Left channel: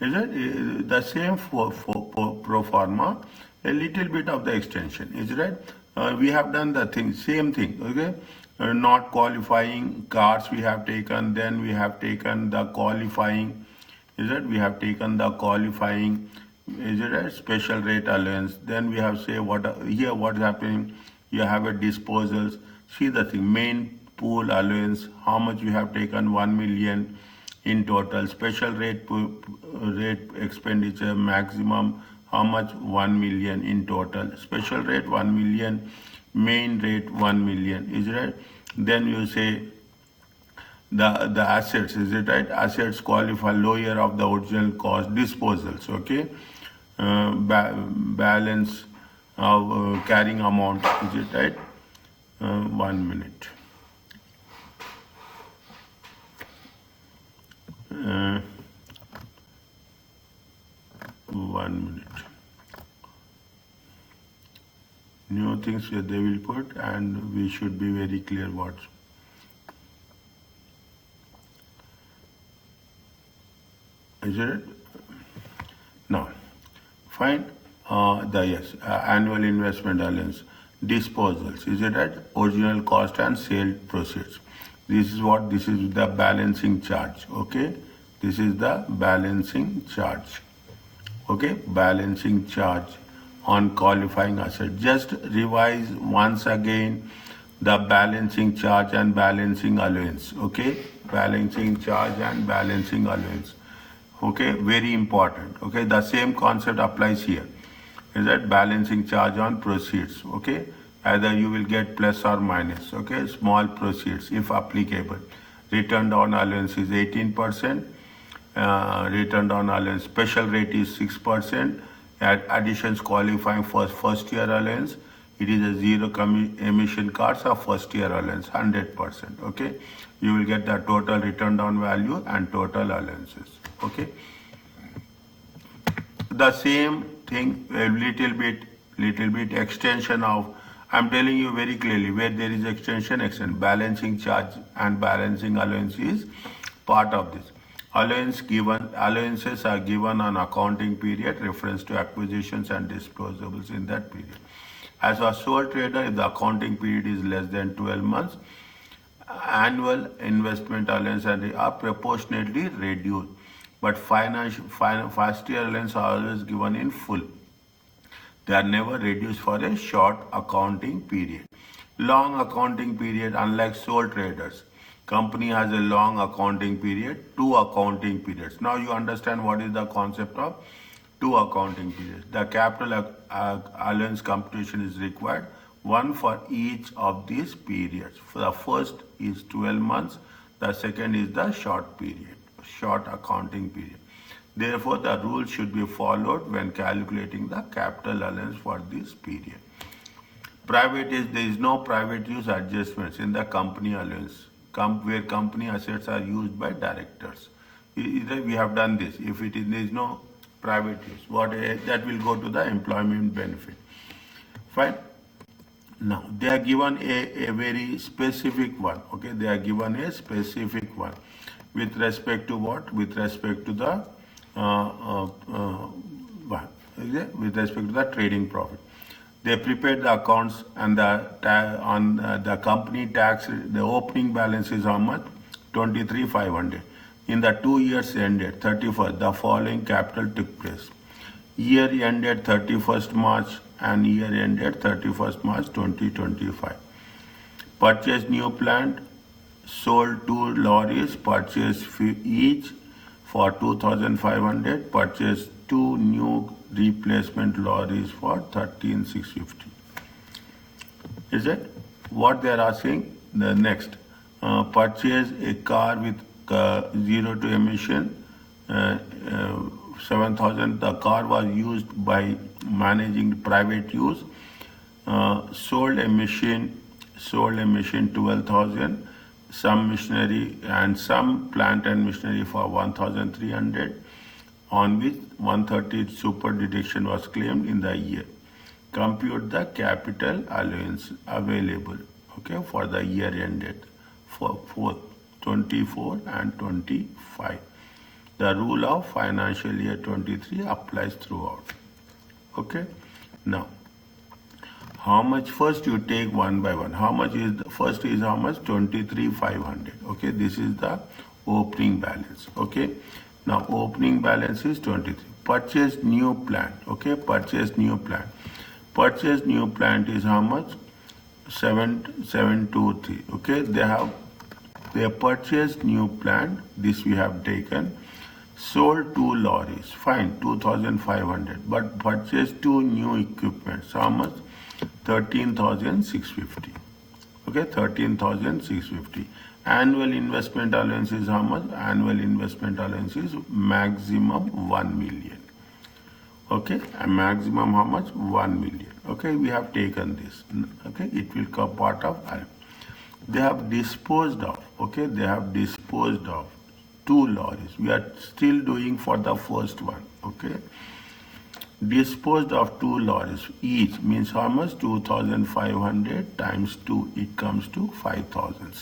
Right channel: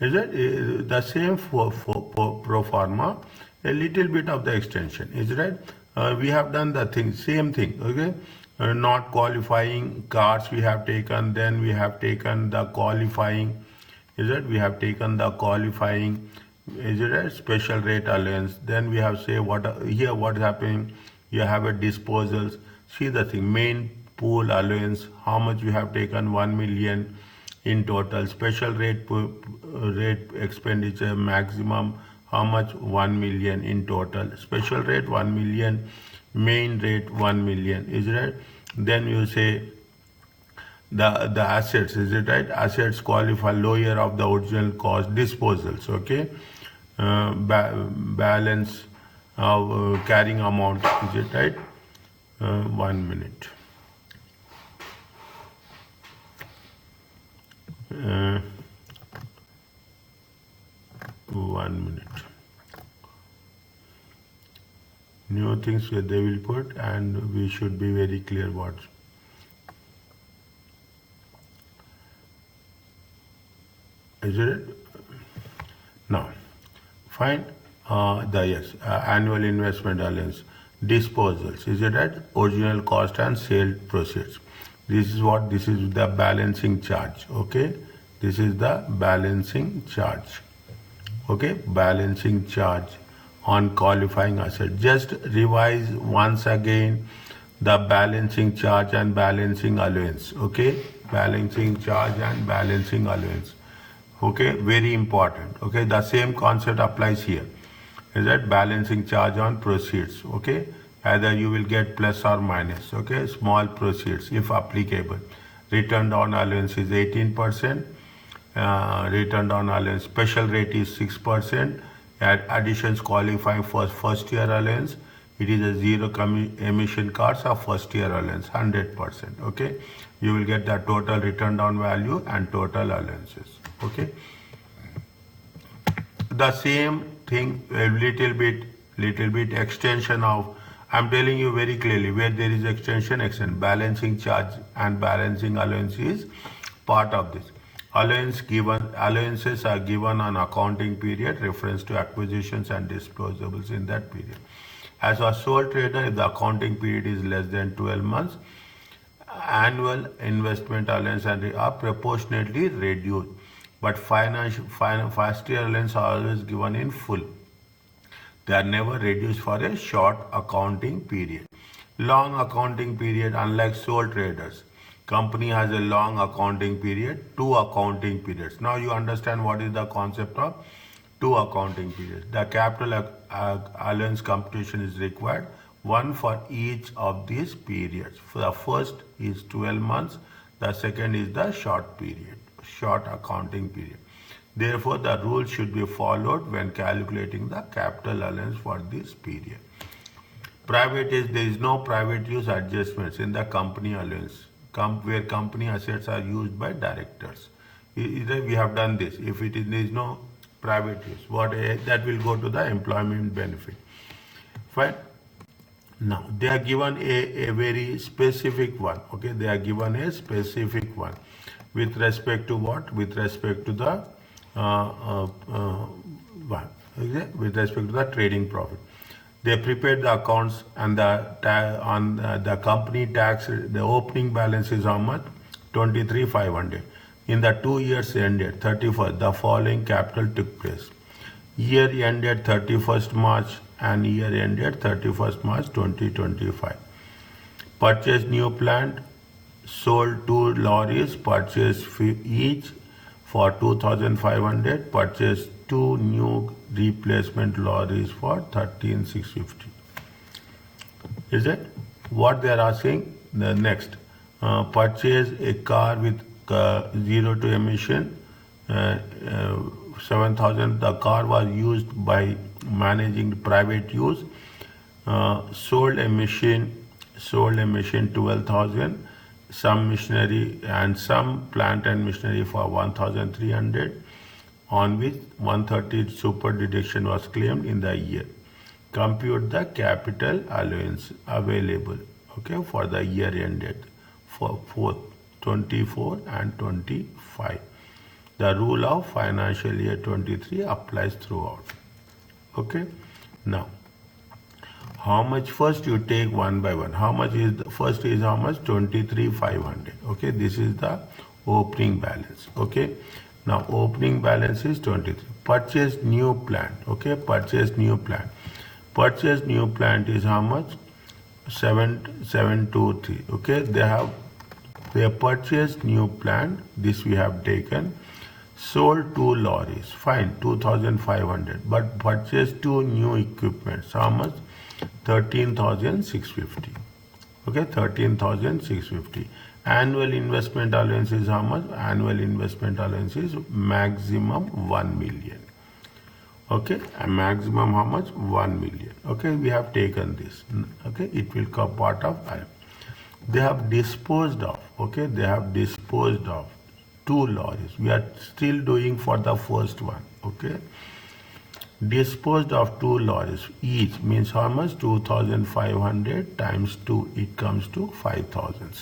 Is it the same for pro forma? A little bit of the extension, is right? We have done the thing, same thing, okay? Not qualifying cars we have taken, then we have taken the qualifying, is it? We have taken the qualifying, is it a special rate allowance? Then we have say what here what is happening? You have a disposals. See the thing, main pool allowance, how much we have taken, 1 million in total. Special rate expenditure maximum, how much, 1 million in total. Special rate 1 million, main rate 1 million, is it right? Then you say the assets, is it right? Assets qualify lower of the original cost, disposals, okay? Balance of carrying amount, is it right? 1 minute. 1 minute. New things they will put, and we should be very clear what. Is it? Now, find annual investment allowance, disposals. Is it right? Original cost and sale proceeds. This is what, this is the balancing charge, okay? This is the balancing charge, okay? Balancing charge on qualifying asset. Just revise once again the balancing charge and balancing allowance, okay? Balancing charge and balancing allowance, okay? Very important, okay? The same concept applies here. Is that balancing charge on proceeds, okay? Either you will get plus or minus, okay? Small proceeds if applicable. Return on allowance is 18%. Return on allowance special rate is 6%. Additions qualifying for first year allowance. It is a zero emission cars of first year allowance, 100%, okay? You will get the total return on value and total allowances, okay? The same thing, a little bit extension of, I'm telling you very clearly, where there is extension, balancing charge and balancing allowance is part of this. Allowances are given on accounting period, reference to acquisitions and disposables in that period. As a sole trader, if the accounting period is less than 12 months, annual investment allowance are proportionately reduced. But first year allowance are always given in full. They are never reduced for a short accounting period. Long accounting period, unlike sole traders, company has a long accounting period, 2 accounting periods. Now you understand what is the concept of 2 accounting periods. The capital allowance computation is required, one for each of these periods. The first is 12 months, the second is the short period, short accounting period. Therefore, the rule should be followed when calculating the capital allowance for this period. Private is, there is no private use adjustments in the company allowance, where company assets are used by directors. We have done this. If there is no private use, that will go to the employment benefit. Fine. Now, they are given a very specific one, okay? They are given a specific one. With respect to what? With respect to the with respect to the trading profit. They prepared the accounts, and the company tax, the opening balance is how much? 23,500. In the 2 years ended 31st, the following capital took place. Year ended 31st March and year ended 31st March 2025. Purchased new plant, sold 2 lorries, purchased each for 2,500, purchased 2 new replacement lorries for 13,650. Is it? What they are asking? The next, purchase a car with 0 to emission, 7,000. The car was used by managing private use. Sold a machine 12,000. Some machinery and some plant and machinery for 1,300, on which 130 super deduction was claimed in the year. Compute the capital allowance available, okay, for the year ended for 24 and 25. the rule of financial year 23 applies throughout. Okay. Now, how much? First you take one by one. How much is first is how much? 23,500. Okay, this is the opening balance. Okay, now opening balance is 23. Purchase new plant. Okay, purchase new plant. Purchase new plant is how much? 7,723. Okay, they purchased new plant. This we have taken. Sold 2 lorries. Fine, 2,500. But purchased 2 new equipments. How much? 13,650. Okay, 13,650. Annual investment allowance is how much? Annual investment allowance is maximum 1 million. Okay, a maximum how much? 1 million. Okay, we have taken this. Okay, it will come part of allowance. They have disposed of. Okay, they have disposed of 2 lorries. We are still doing for the first one. Okay. Disposed of 2 lorries, each means how much? 2,500 times 2, it comes to 5,000.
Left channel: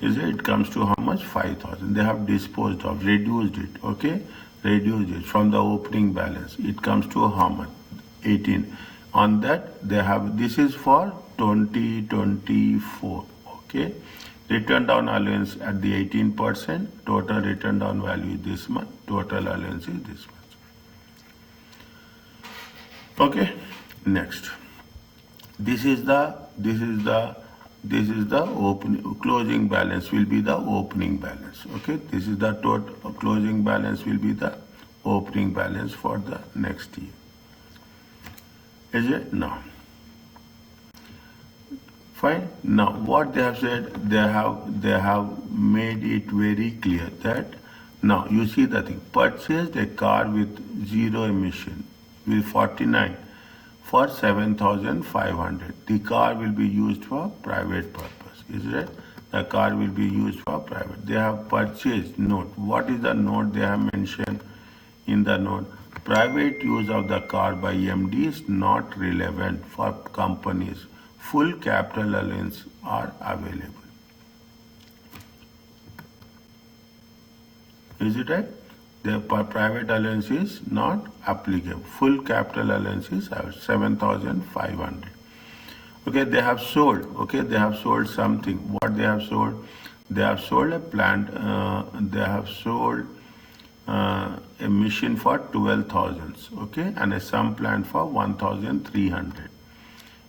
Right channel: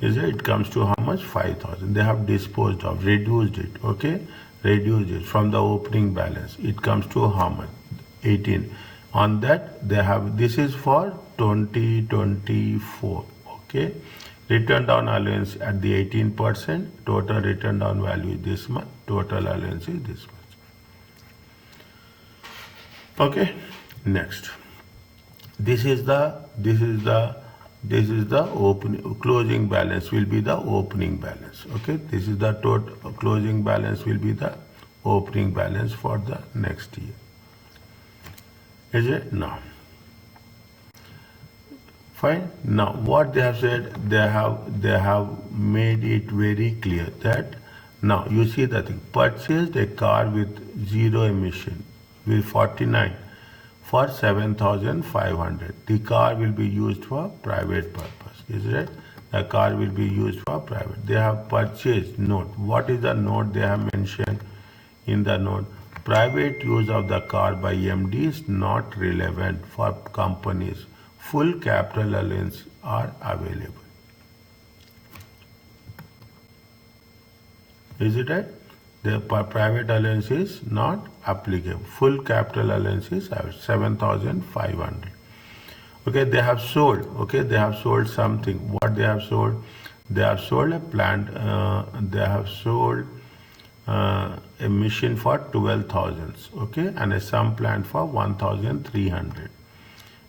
Is it? It comes to how much? 5,000. They have disposed of, reduced it, okay? Reduced it from the opening balance. It comes to how much? 18. On that, they have, this is for 2024, okay? Return down allowance at the 18%, total return down value is this much, total allowance is this much. Okay, next. This is the closing balance will be the opening balance. Okay, this is the total closing balance will be the opening balance for the next year. Is it? No. Fine. Now what they have said, they have made it very clear that now you see the thing. Purchased a car with 0 emission with 49 for 7,500. The car will be used for private purpose. Is it? The car will be used for private. They have purchased note. What is the note they have mentioned in the note? Private use of the car by MD is not relevant for companies. Full capital allowance are available. Is it right? The private allowance is not applicable. Full capital allowance is 7,500. Okay, they have sold. Okay, they have sold something. What they have sold? They have sold a plant. They have sold a machine for 12,000. Okay, and a sum plant for 1,300.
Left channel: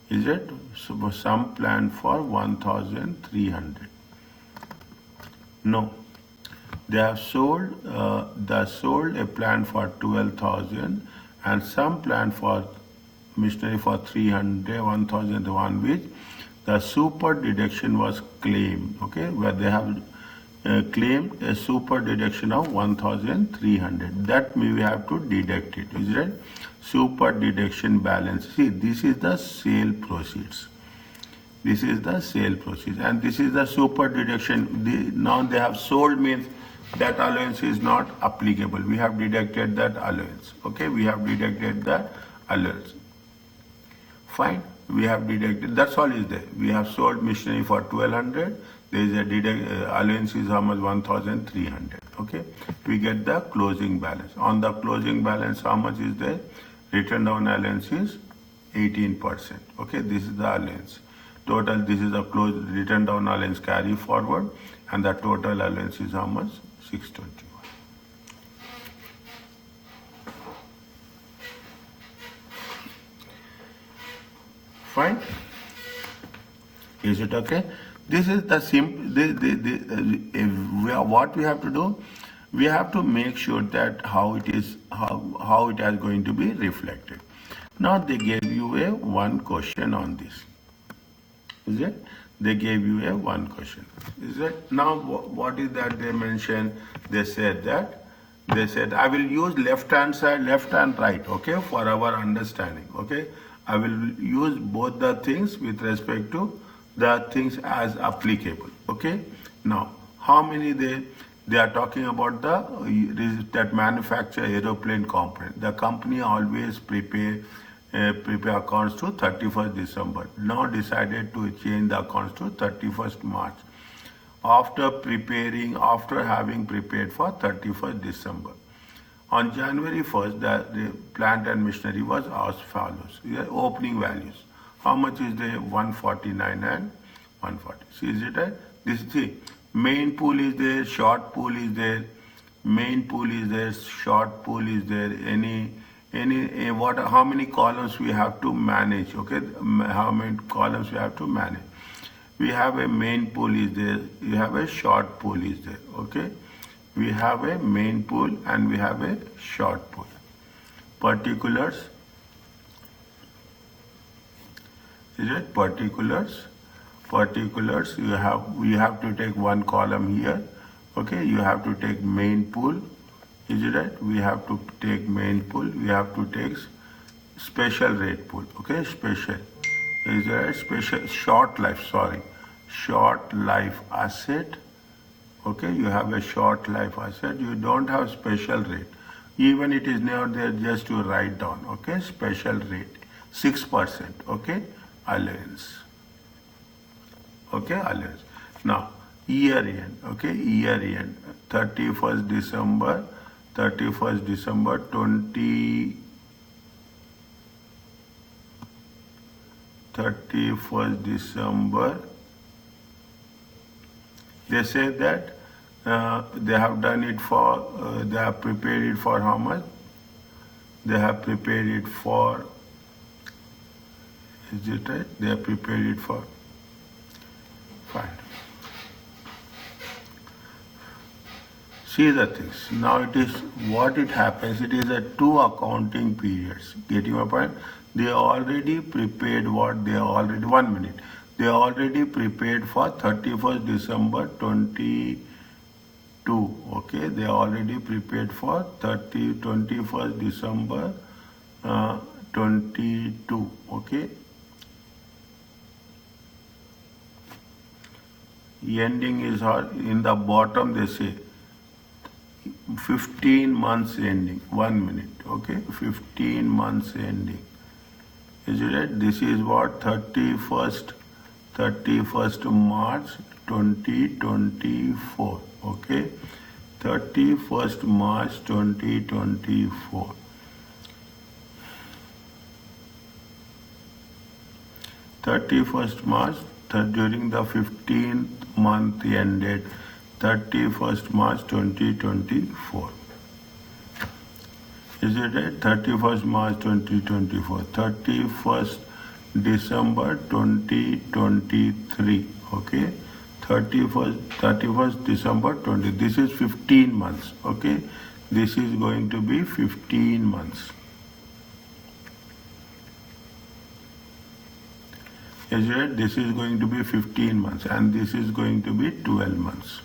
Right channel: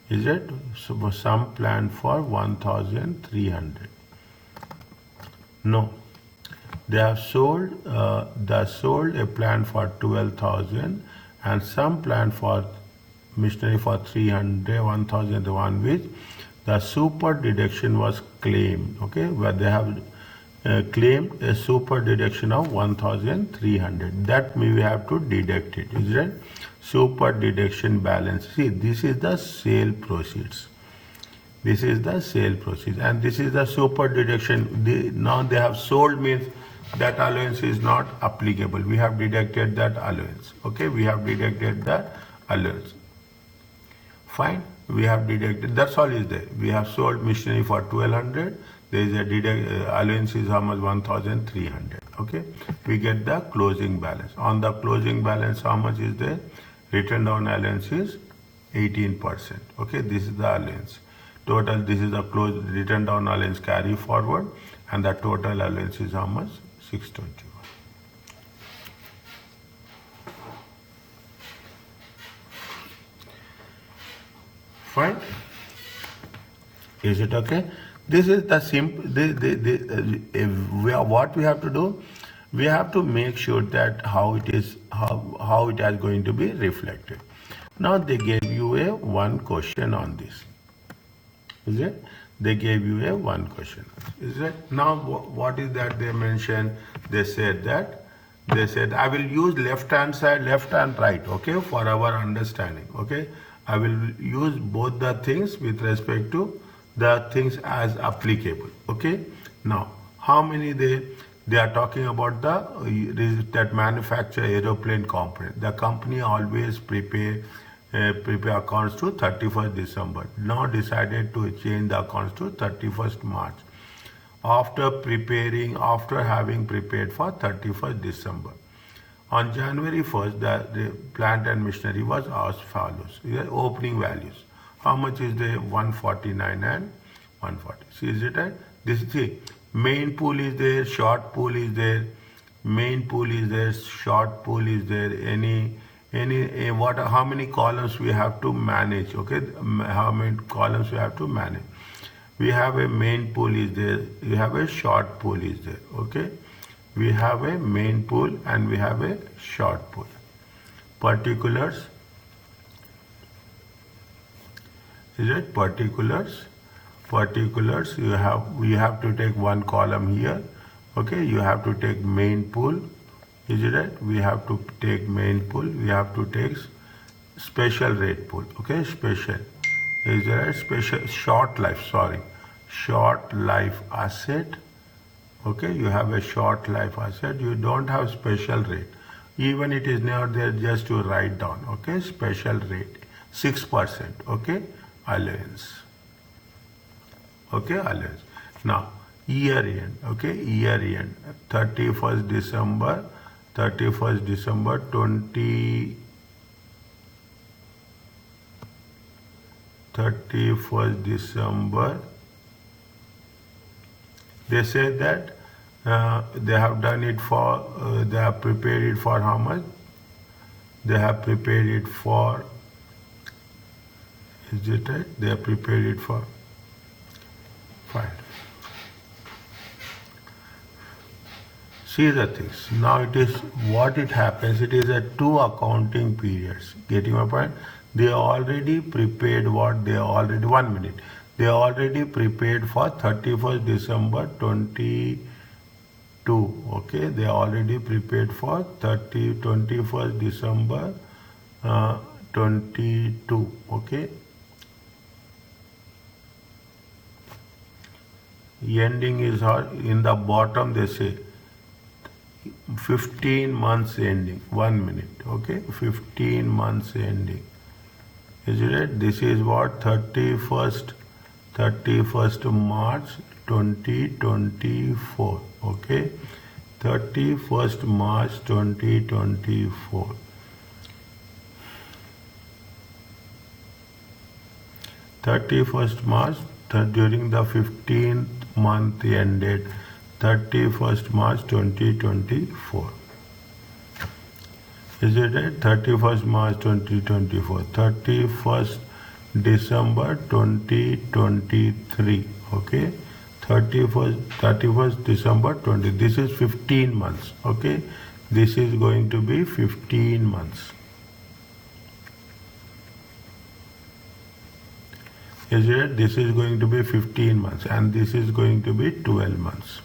Is it? So sum plant for 1,300. No. They have sold a plant for 12,000 and some plant for machinery for 300, 1,001, which the super deduction was claimed. Okay, where they have claimed a super deduction of 1,300. That we have to deduct it. Is it? Super deduction balance. See, this is the sale proceeds. This is the sale proceeds, and this is the super deduction. Now they have sold means that allowance is not applicable. We have deducted that allowance. Okay, we have deducted that allowance. Fine, we have deducted. That's all is there. We have sold machinery for 1,200. There is a allowance is how much? 1,300. Okay, we get the closing balance. On the closing balance, how much is there? Written down allowance is 18%. Okay, this is the allowance. Total, this is the written down allowance carry forward, and the total allowance is how much? 621. Fine. Is it okay? This is the simple. What we have to do, we have to make sure that how it is going to be reflected. Now they gave you a one question on this. Is it? They gave you a one question. Is it? Now what is that they mentioned? They said I will use left hand side, left and right. Okay, for our understanding. Okay, I will use both the things with respect to the things as applicable. Okay. Now how many they are talking about that manufacture aeroplane component. The company always prepare accounts to 31st December. Now decided to change the accounts to 31st March. after having prepared for 31st December. On January 1st, the plant and machinery was as follows. Here, opening values. How much is there? 149 and 140. See, is it right? This is the main pool is there, short pool is there, main pool is there, short pool is there. How many columns we have to manage? Okay, how many columns we have to manage? We have a main pool is there, we have a short pool is there. Okay, we have a main pool and we have a short pool. Particulars, is it particulars? Particulars, we have to take one column here. Okay, you have to take main pool. Is it right? We have to take main pool. We have to take special rate pool. Okay, special. Is there a special short life? Sorry, short life asset. Okay, you have a short life asset. You don't have special rate. Even it is not there, just to write down. Okay, special rate 6%. Okay, allowance. Okay, allowance. Now year end. Okay, year end 31st December 20. 31st December. They say that they have done it for, they have prepared it for how much? They have prepared it for, is it right? They have prepared it for, fine. See the things. Now it is, what it happens, it is a 2 accounting periods. Getting my point? They already prepared what they already, 1 minute. They already prepared for 31st December 22. Okay, they already prepared for 21st December 22. Okay. Ending is in the bottom, they say 15 months ending. 1 minute. Okay, 15 months ending. Is it right? This is what? 31st March 2024. Okay, 31st March 2024. 31st March, during the 15th month ended 31st March 2024. Is it right? 31st March 2024. 31st December 2023. Okay, 31st December 20. This is 15 months. Okay, this is going to be 15 months. Is it right? This is going to be 15 months and this is going to be 12 months.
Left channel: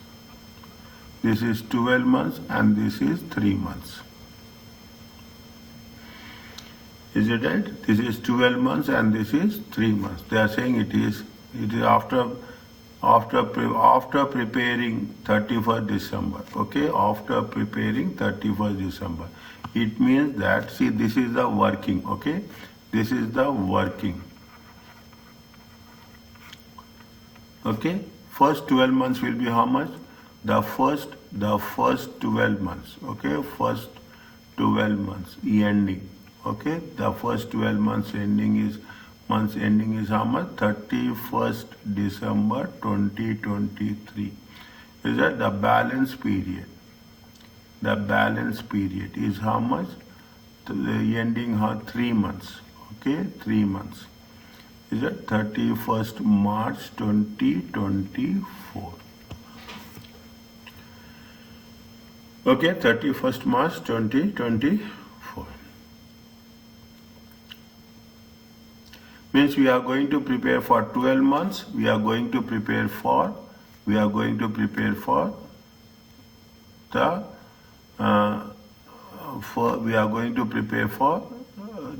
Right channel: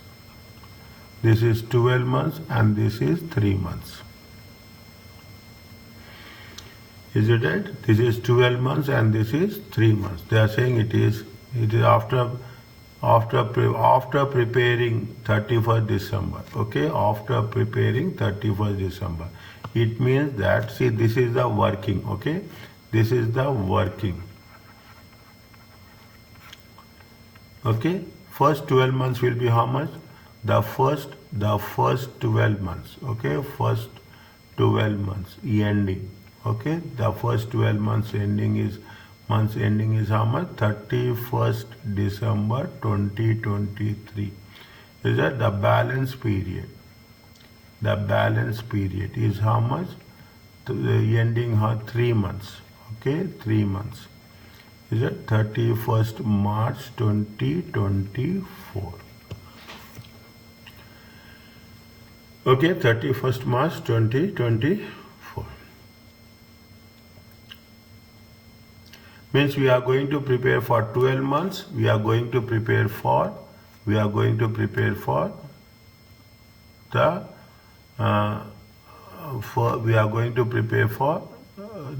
This is 12 months and this is 3 months. Is it right? This is 12 months and this is 3 months. They are saying it is after preparing 31st December. Okay, after preparing 31st December. It means that, see, this is the working. Okay, this is the working. Okay, first 12 months will be how much? The first 12 months. Okay, first 12 months ending. Okay, the first 12 months ending is how much? 31st December 2023. Is that the balance period? The balance period is how much? The ending 3 months. Okay, 3 months. Is it 31st March 2024? Okay, 31st March 2024. Means we are going to prepare for 12 months. We are going to prepare for the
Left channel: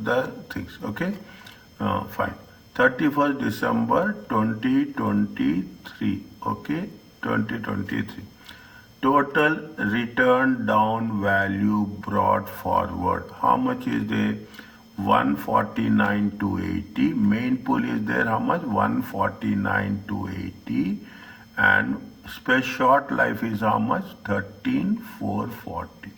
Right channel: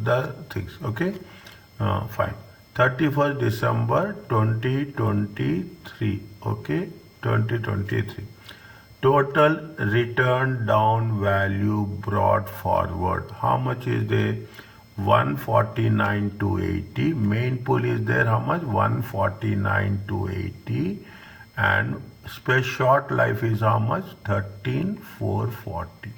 the things. Okay, fine. 31st December 2023. Okay, 2023. Total return down value brought forward. How much is there? 149,280. Main pool is there how much? 149,280 and Space short life is how much? 13,440.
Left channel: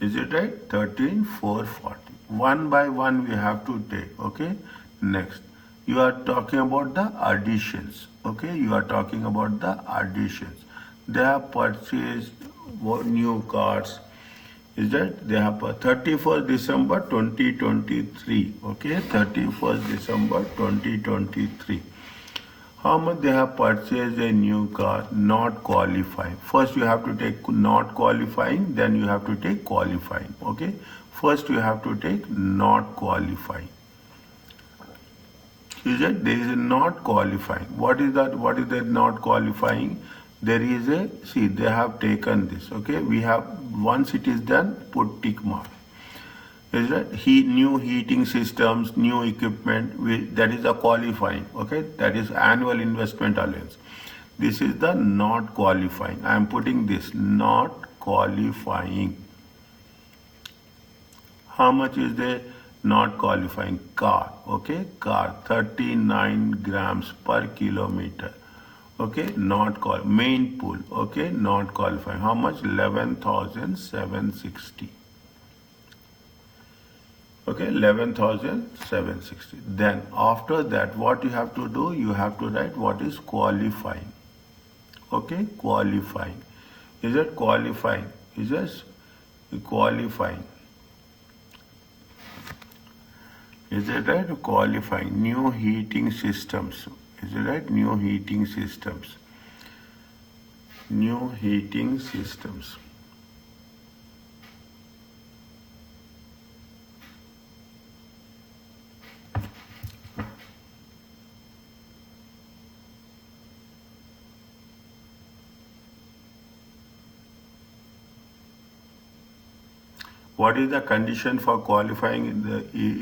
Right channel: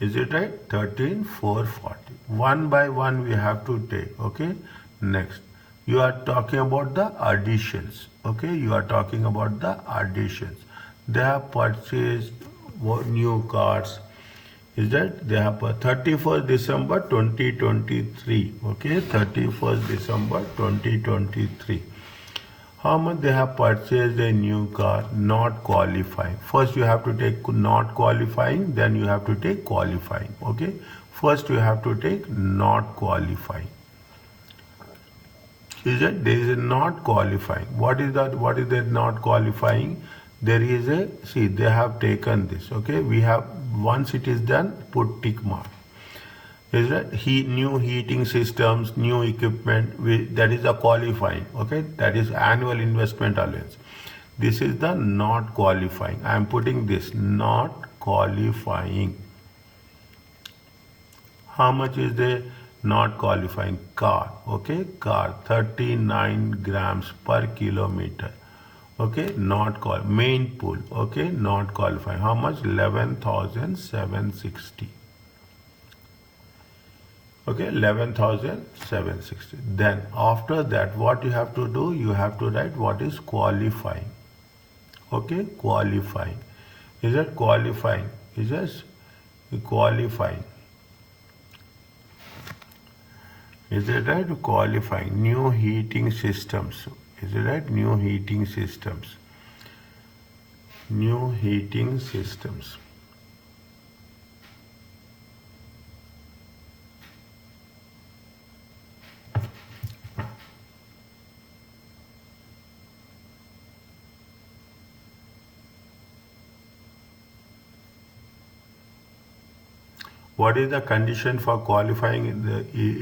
Is it right? 13,440. One by one we have to take. Okay. Next, you are talking about the additions. Okay. You are talking about the additions. They have purchased new cars. Is that they have 31st December 2023. Okay. 31st December 2023. How much they have purchased a new car? Not qualifying. First you have to take not qualifying, then you have to take qualifying. Okay. First you have to take not qualifying. Is it? There is a not qualifying. What is that? What is that not qualifying? There is a, see, they have taken this. Okay. We have, once it is done, put tick mark. Is that new heating systems, new equipment, that is a qualifying. Okay, that is annual investment allowance. This is the not qualifying. I am putting this not qualifying. How much is the not qualifying? Car. Okay, car 39 grams per kilometer. Okay, not main pool. Okay, not qualifying. How much? 11,760. Okay, 11,760. Then after that, what you have to do? You have to write what is qualifying. Okay, qualifying. Is it qualifying? Is it qualifying? Is it right? Qualifying. New heating systems. Is it right? New heating systems. New heating systems. What is the condition for qualifying?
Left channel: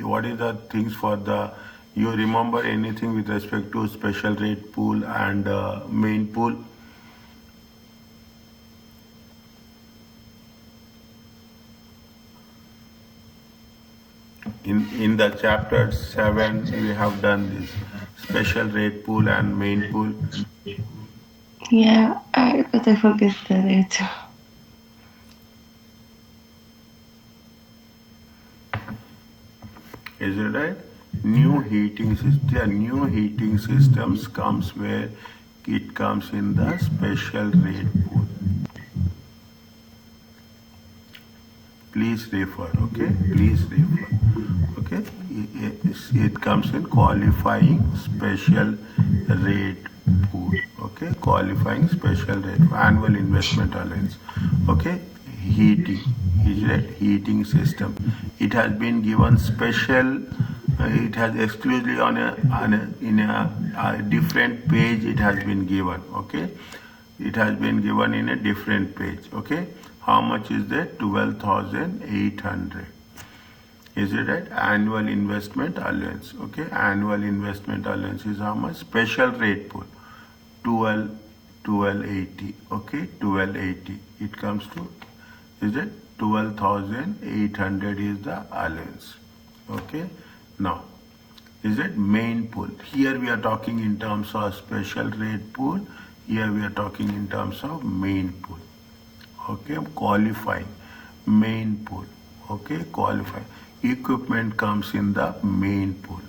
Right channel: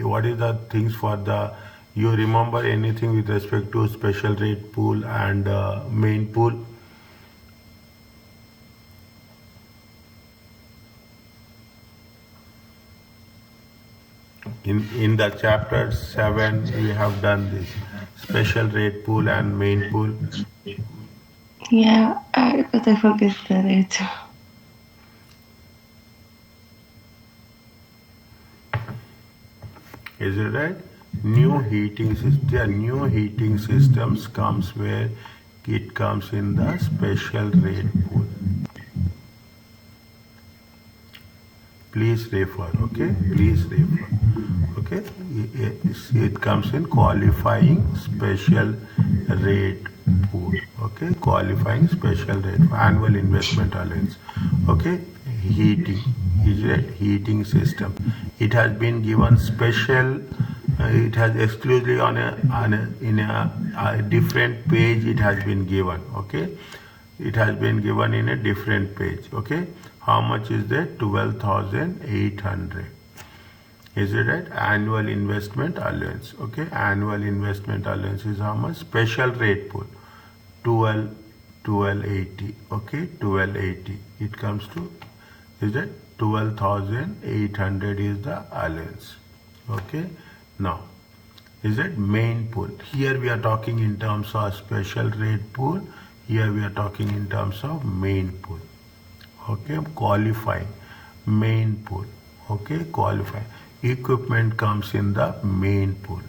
What is the things for the, you remember anything with respect to special rate pool and main pool? In the chapter 7, we have done this special rate pool and main pool. Yeah, but I forget the rate. Is it right? New heating system. There new heating systems comes where it comes in the special rate pool. Please refer. Okay. Please refer. Okay. It comes in qualifying special rate pool. Okay. Qualifying special rate annual investment allowance. Okay. Heating. Is it heating system? It has been given special. It has exclusively in a different page. It has been given. Okay. It has been given in a different page. Okay. How much is that? 12,800. Is it right? Annual investment allowance. Okay. Annual investment allowance is how much? Special rate pool. 1280. Okay. 1280. It comes to, is it 12,800 is the allowance. Okay. Now, is it main pool? Here we are talking in terms of special rate pool. Here we are talking in terms of main pool. Okay. Qualifying. Main pool. Okay. Qualifying. Equipment comes in the main pool.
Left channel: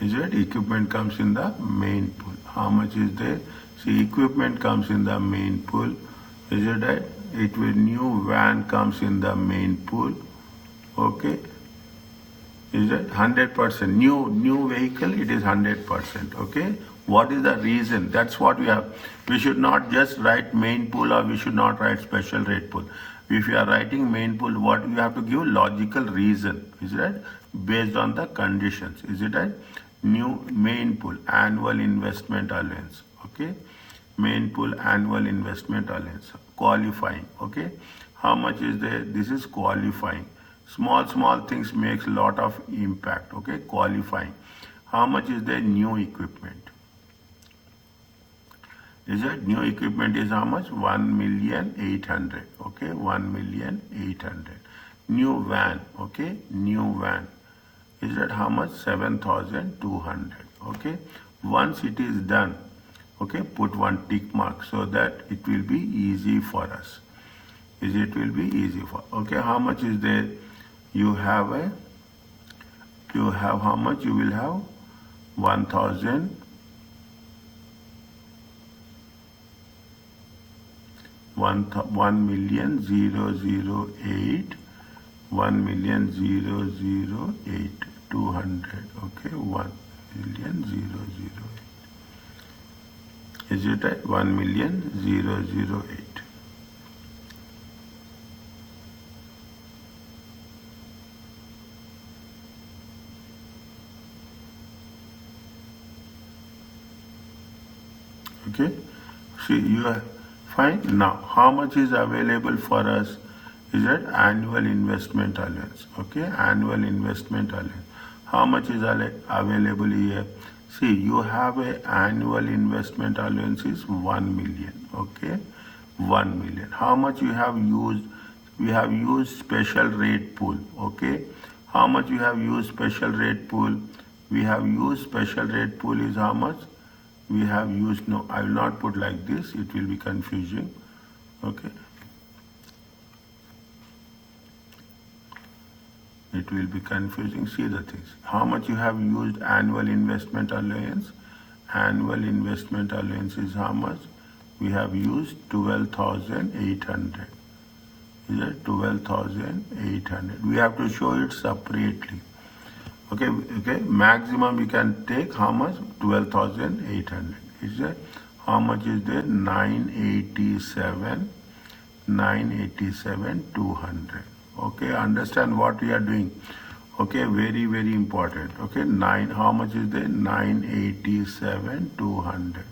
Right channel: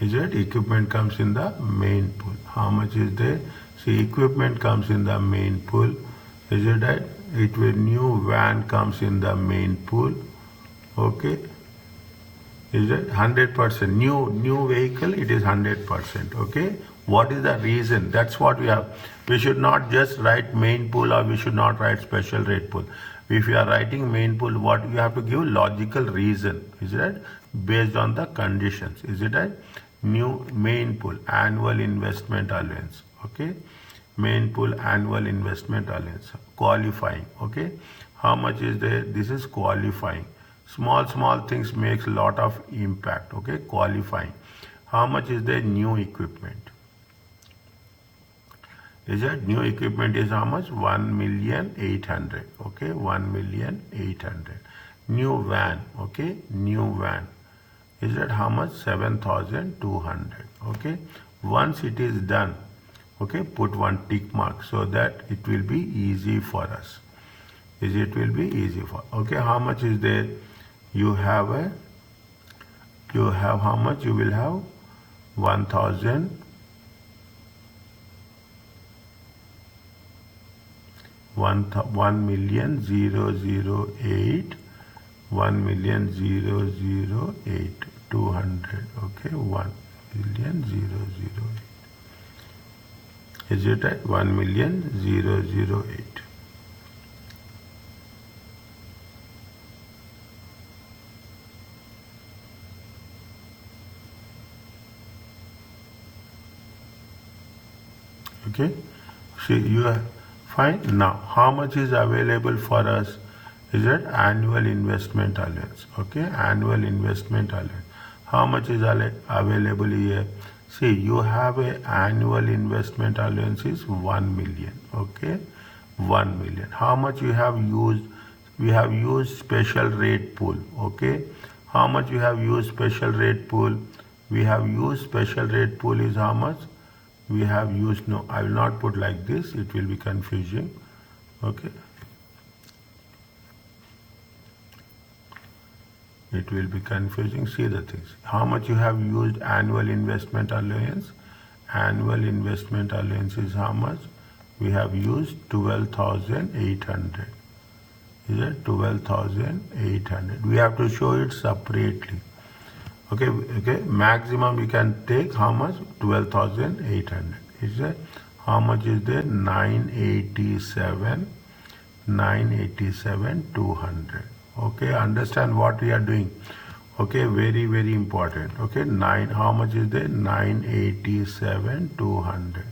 Is it? Equipment comes in the main pool. How much is there? See, equipment comes in the main pool. Is it right? It will, new van comes in the main pool. Okay. Is it 100%? New vehicle, it is 100%. Okay. What is the reason? That's what we have. We should not just write main pool, or we should not write special rate pool. If you are writing main pool, what you have to give logical reason. Is it right? Based on the conditions. Is it right? New main pool, annual investment allowance. Okay. Main pool, annual investment allowance. Qualifying. Okay. How much is there? This is qualifying. Small things makes a lot of impact. Okay. Qualifying. How much is there? New equipment. Is it? New equipment is how much? 1,800,000. Okay. 1,800,000. New van. Okay. New van. Is that how much? 7,200. Okay. Once it is done, okay, put one tick mark so that it will be easy for us. It will be easy for, okay, how much is there? You have how much? You will have 1,000, 1,000,008, 1,000,008, 200, okay, 1,000,008. Is it right? 1,000,008. Okay, so you are fine. Now, how much is available for us? Is that annual investment allowance? Okay, annual investment allowance. How much is available here? See, you have a annual investment allowance is 1 million. Okay, 1 million. How much you have used? We have used special rate pool. Okay, how much you have used special rate pool? We have used special rate pool is how much? We have used, no, I will not put like this, it will be confusing. Okay, it will be confusing. See the things, how much you have used annual investment allowance. Annual investment allowance is how much? We have used 12,800. Is it 12,800? We have to show it separately. Okay, maximum you can take how much? 12,800. Is that how much is there? 987, 200. Okay, understand what we are doing. Okay, very, very important. Okay, how much is there? 987, 200.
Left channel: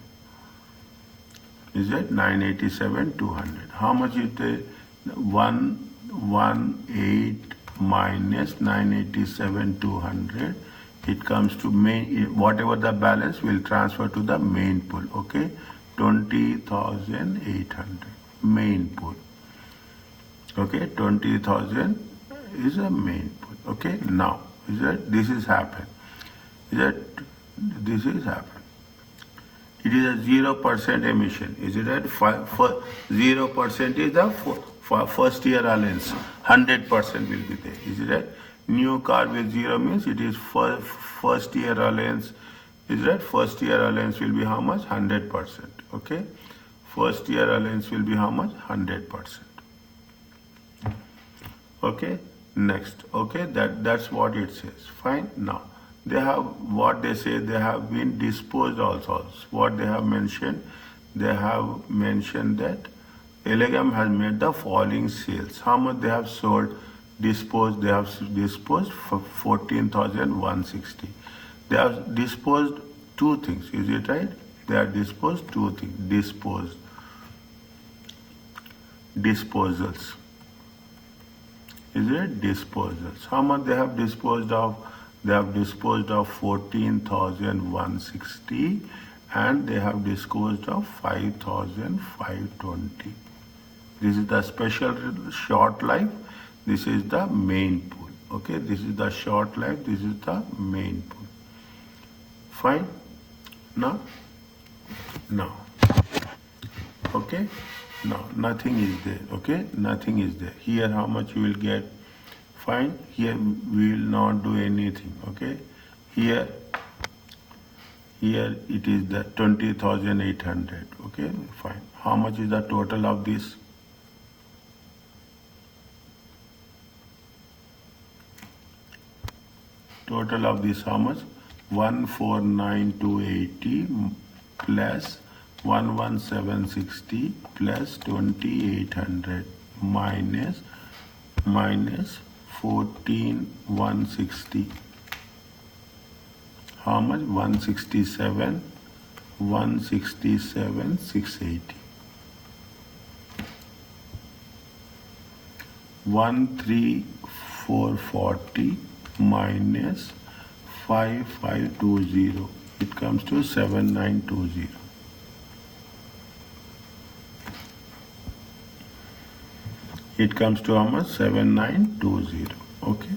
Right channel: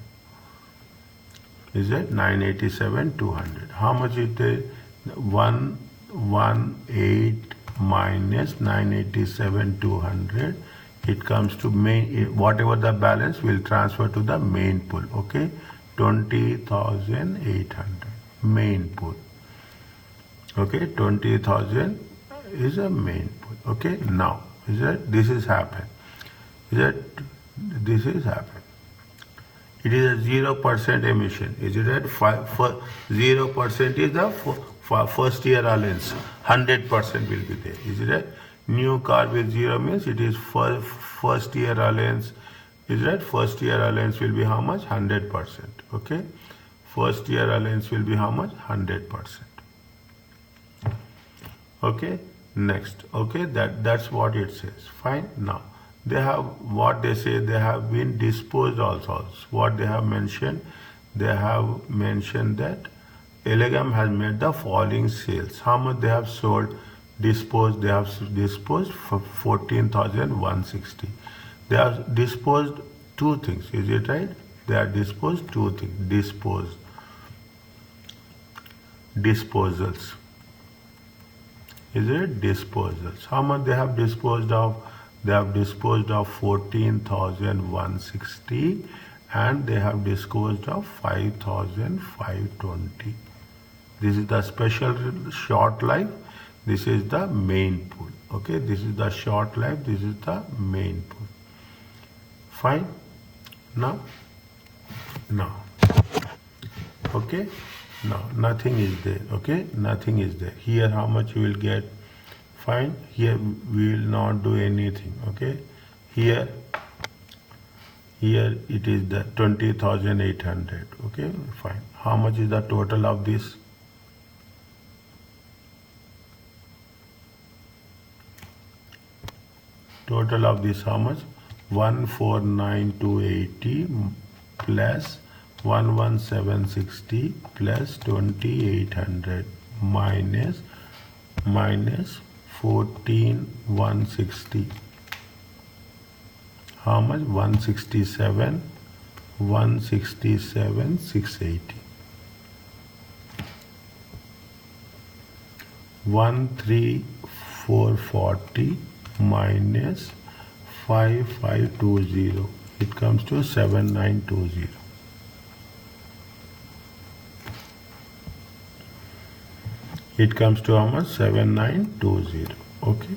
Is it 987, 200? How much is there? 118 minus 987, 200. It comes to main, whatever the balance will transfer to the main pool. Okay, 20,800 main pool. Okay, 20,000 is a main pool. Okay, now is that this is happened. Is that this is happened. It is a 0% emission. Is it that 0% is the first year allowance, 100% will be there. Is it that new car with zero means it is first year allowance. Is that first year allowance will be how much? 100%. Okay, first year allowance will be how much? 100%. Okay, next. Okay, that's what it says. Fine. Now they have what they say, they have been disposed also. What they have mentioned, they have mentioned that Elegam has made the following sales. How much they have sold, disposed? They have disposed for 14,160. They have disposed two things. Is it right? They have disposed two things. Disposals. Is it disposals? How much they have disposed of? They have disposed of 14,160 and they have disposed of 5,520. This is the special short life. This is the main pool. Okay, this is the short life. This is the main pool. Fine. Now. Okay. Now nothing is there. Okay, nothing is there. Here how much you will get? Fine. Here we will not do anything. Okay. Here it is the 20,800. Okay, fine. How much is the total of this? Total of this how much? 149,280 plus 11,760 plus 2,800 minus 14,160. How much? 167,680. 13,440 minus 5,520. It comes to 7,920. It comes to how much? 7,920. Okay.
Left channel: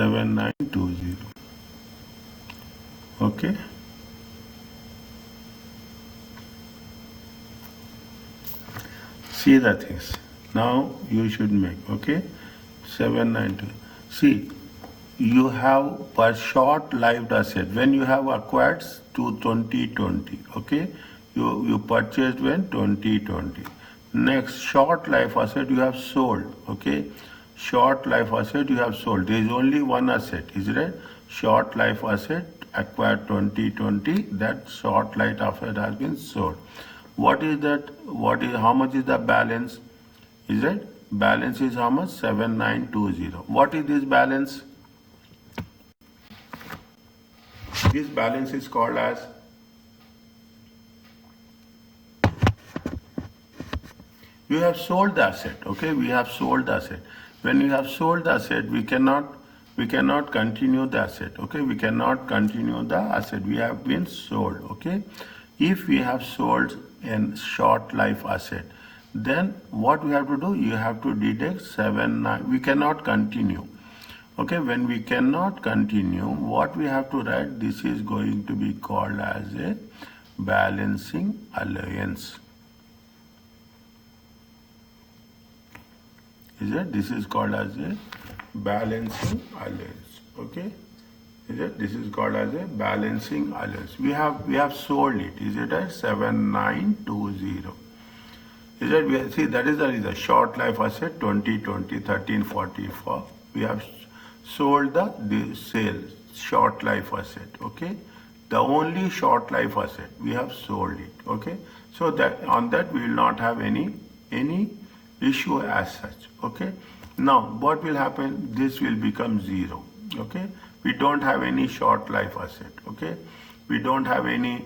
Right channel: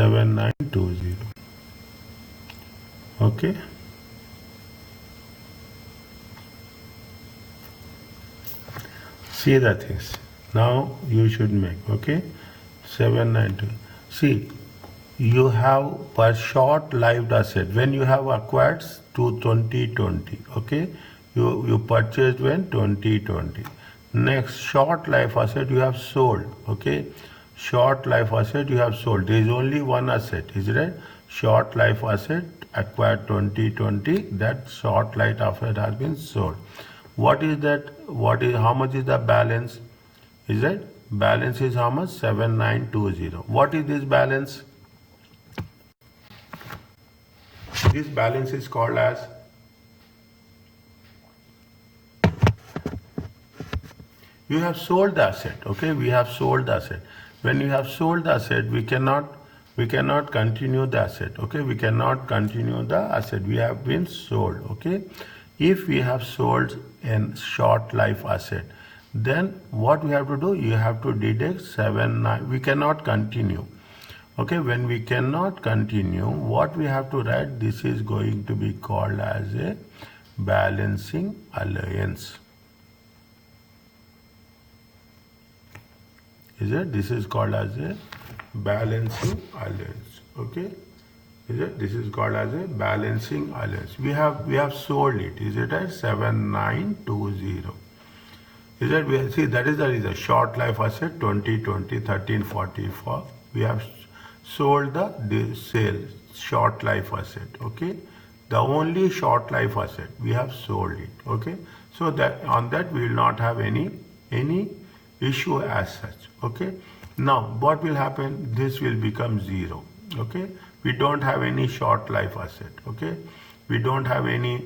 7920. Okay. See the things. Now you should make, okay? 790. See, you have per short lived asset. When you have acquired to 2020, okay? You purchased when 2020. Next, short life asset you have sold, okay? Short life asset you have sold. There is only one asset, is it? Short life asset acquired 2020. That short life asset has been sold. What is that? How much is the balance? Is it? Balance is how much? 7920. What is this balance? This balance is called as you have sold the asset. Okay, we have sold the asset. When you have sold the asset, we cannot continue the asset. Okay, we cannot continue the asset. We have been sold. Okay, if we have sold a short life asset, then what we have to do? You have to deduct 79. We cannot continue. Okay, when we cannot continue, what we have to write? This is going to be called as a balancing allowance. Is it? This is called as a balancing allowance. Okay. Is it? This is called as a balancing allowance. We have sold it. Is it at 7920? Is it? We have, see, that is the short life asset 2020 1344. We have sold the sale short life asset. Okay. The only short life asset we have sold it. Okay. So that on that we will not have any issue as such. Okay. Now what will happen? This will become 0. Okay. We don't have any short life asset. Okay. We don't have any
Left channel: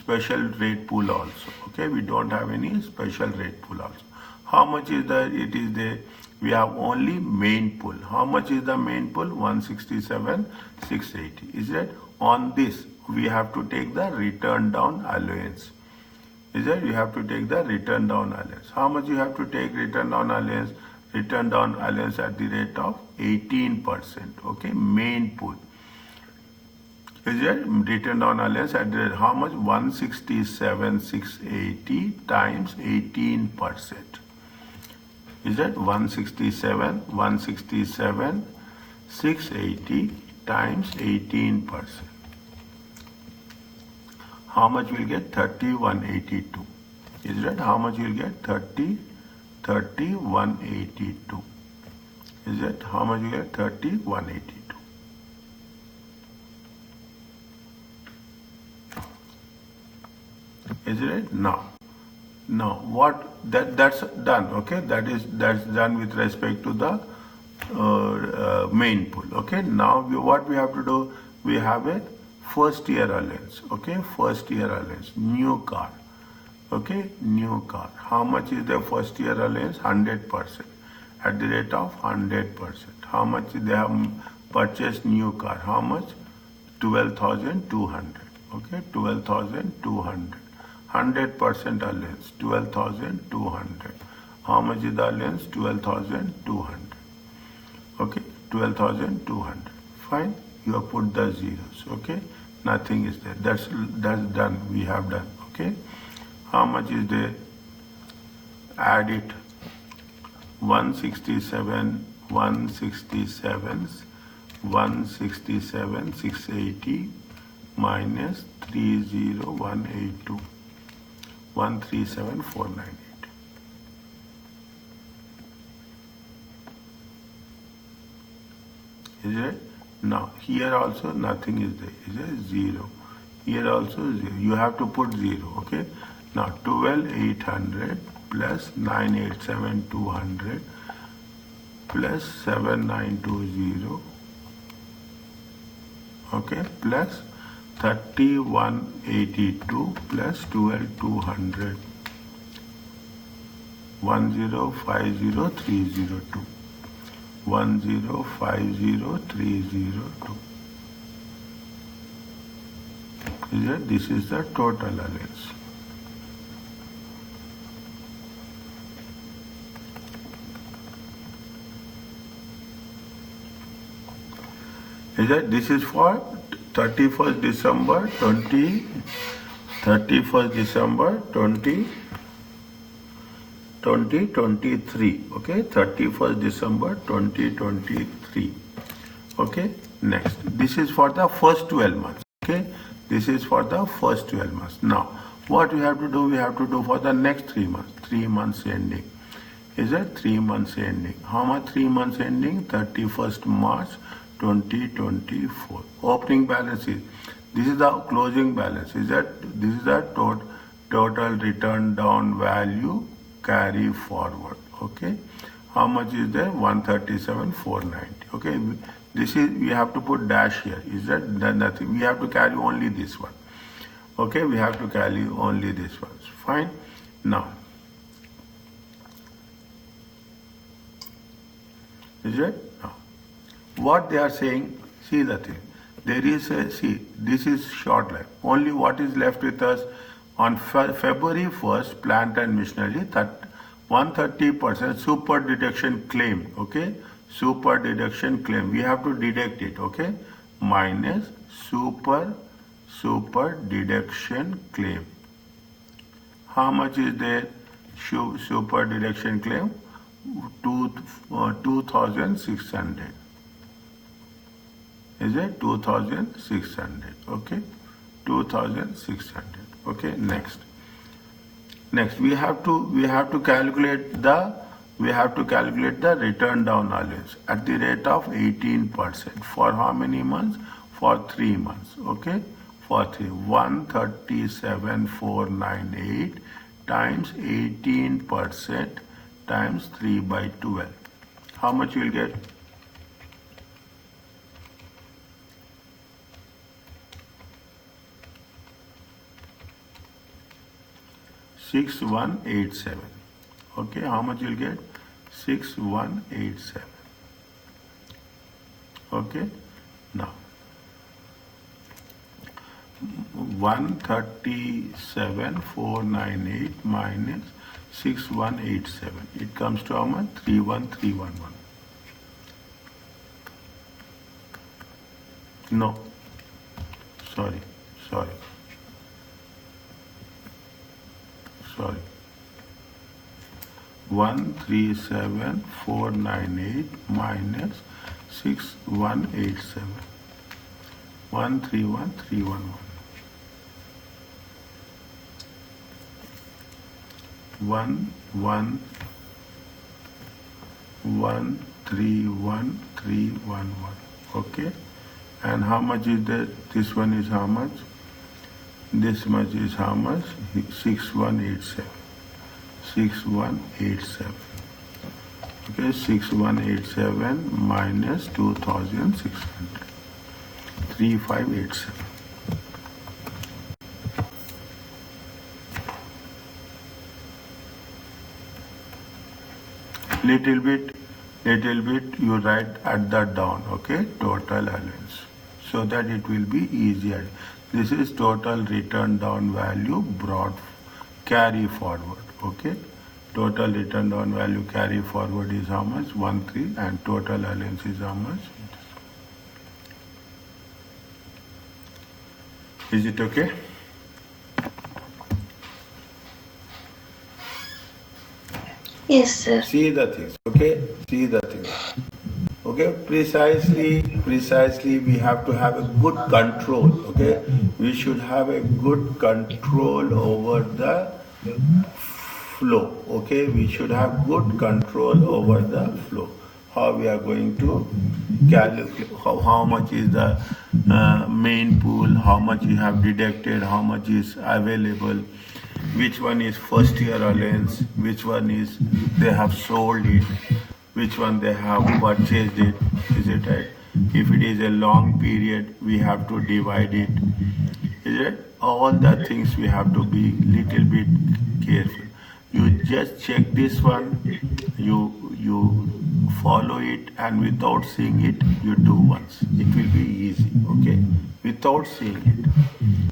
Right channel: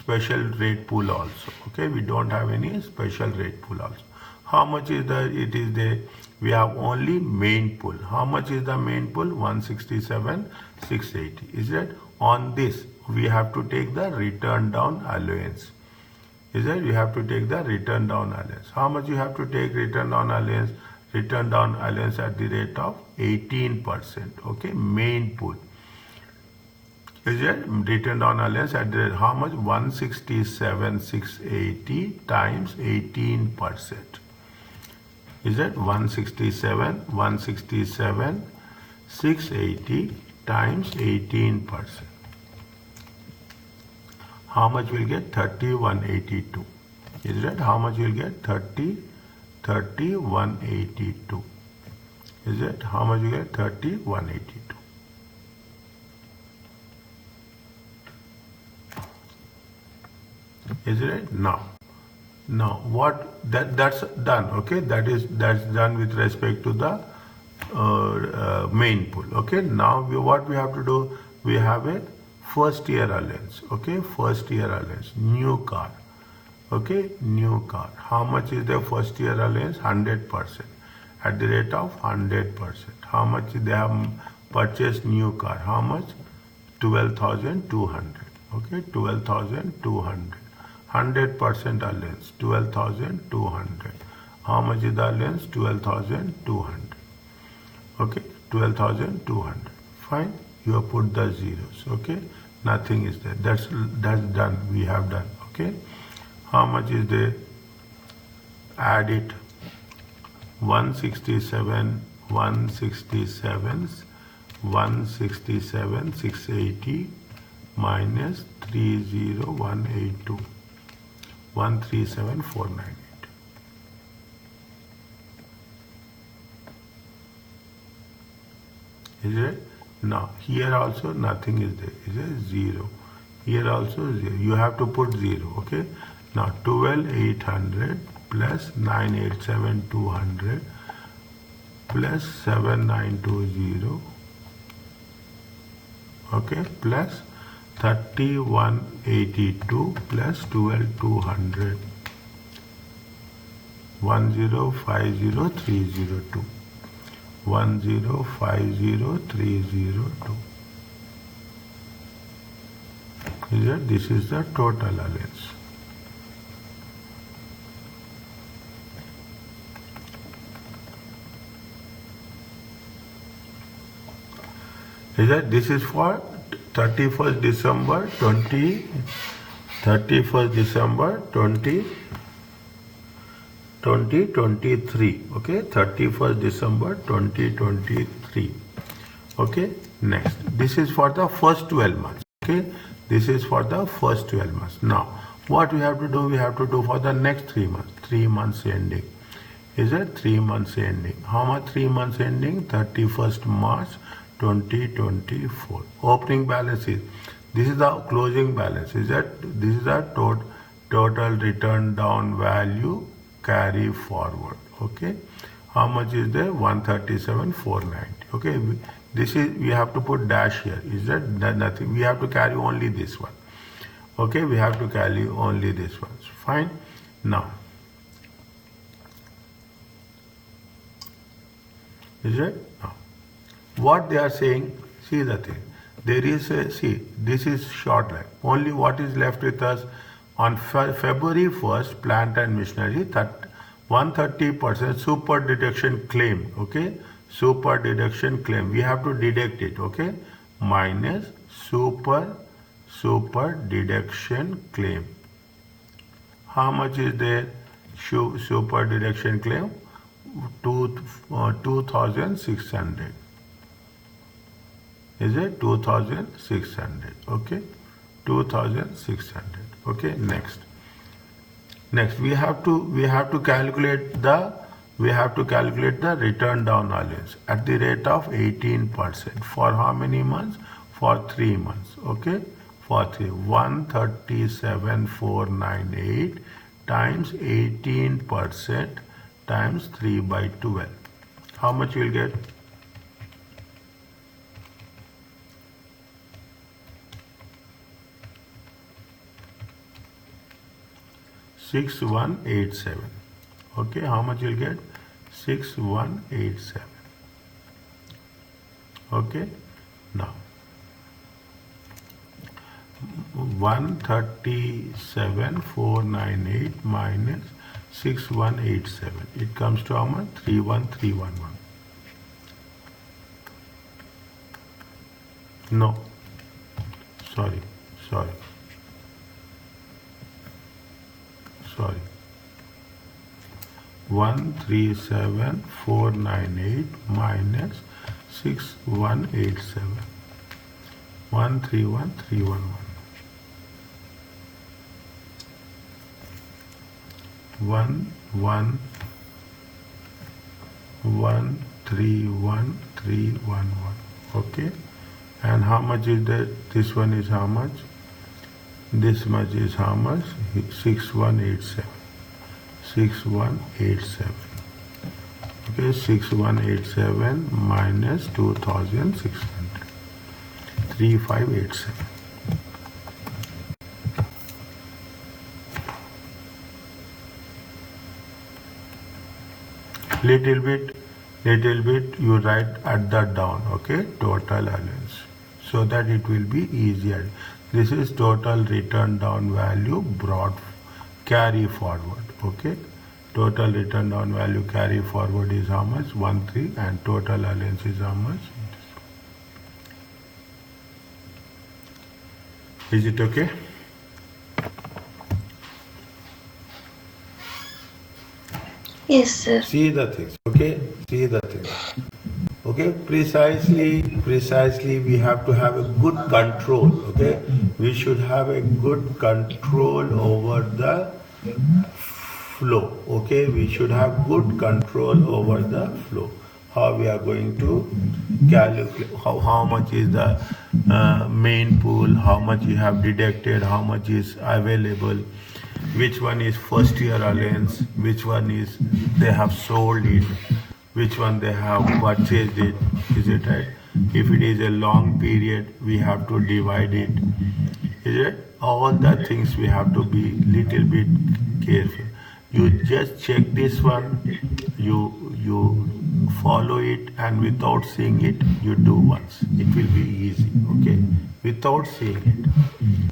special rate pool also. Okay. We don't have any special rate pool also. How much is it is there? We have only main pool. How much is the main pool? 167,680. Is it? On this we have to take the return down allowance. Is it? You have to take the return down allowance. How much you have to take return down allowance? Return down allowance at the rate of 18%. Okay, main pool. Is it? Return down allowance at the rate, how much? 167,680 times 18%. Is it? 167,680 times 18%. How much will get? 3182. Is that how much you will get? 3182. Is it? How much you get? 3182. Is it? Now what that's done. Okay, that's done with respect to the main pool. Okay, now what we have to do? We have a first year allowance. Okay, first year allowance, new car. Okay, new car. How much is the first year allowance? 100%. At the rate of 100%. How much they have purchased new car? How much? 12,200. Okay, 12,200. 100% allowance, 12,200. How much is the allowance? 12,200. Okay, 12,200. Fine. You have put the zeros. Okay, nothing is there. That's done. We have done. Okay. How much is there? Add it. 167,680 minus 30182. 137,498. Is it? Now here also nothing is there. Is it? 0. Here also 0. You have to put 0. Okay. Now 12,800 plus 987,200 plus 7,920. Okay, plus 3182 plus 12,200. 1050302. 1050302. This is the total allowance. Is that this is for 31st December 2023. Okay, 31st December 2023. Okay, next. This is for the first 12 months. Okay, this is for the first 12 months. Now, what we have to do? We have to do for the next 3 months. 3 months ending. Is it 3 months ending? How much 3 months ending? 31st March 2024. Opening balance is, this is the closing balance. Is that this is the total return down value carry forward. Okay, how much is there? 137,490. Okay, this is, we have to put dash here. Is that nothing? We have to carry only this one. Okay, we have to carry only this one. Fine. Now, is it? Now, what they are saying, see the thing. There is a, see, this is short line. Only what is left with us on February 1st, plant and machinery, that 130% super deduction claim. Okay, super deduction claim. We have to deduct it. Okay, minus super deduction claim. How much is there? Super deduction claim 2,600. Is it 2,600? Okay, 2,600. Okay, next we have to calculate the return down allowance at the rate of 18%. For how many months? For 3 months. Okay, for 3, 137,498 times 18% times 3 by 12. How much you will get? 6187. Okay, how much you'll get? 6187. Okay, now 137,498 minus 6187. It comes to how much? 31311. No, sorry. 137,498 minus 6187. 131,311. 131,311. Okay, and how much is that? This one is how much? This much is how much? 6187. 6187. Okay, 6187 minus 2,600. 3587. Little bit you write at that down. Okay, total allowance, so that it will be easier. This is total return down value brought carry forward. Okay, total return down value carry forward is how much? 13, and total allowance is how much? Is it okay? Yes, sir. See the thing. Okay, see the thing. Okay, precisely we have to have a good control. Okay, we should have a good control over the flow. Okay, we should have good control over the flow. How we are going to calculate how much is the main pool, how much you have deducted, how much is available, which one is first year allowance, which one is they have sold it, which one they have purchased it. Is it right? If it is a long period, we have to divide it. Is it? All the things we have to be little bit careful. You just check this one, you follow it, and without seeing it, you do once. It will be easy. Okay, without seeing it.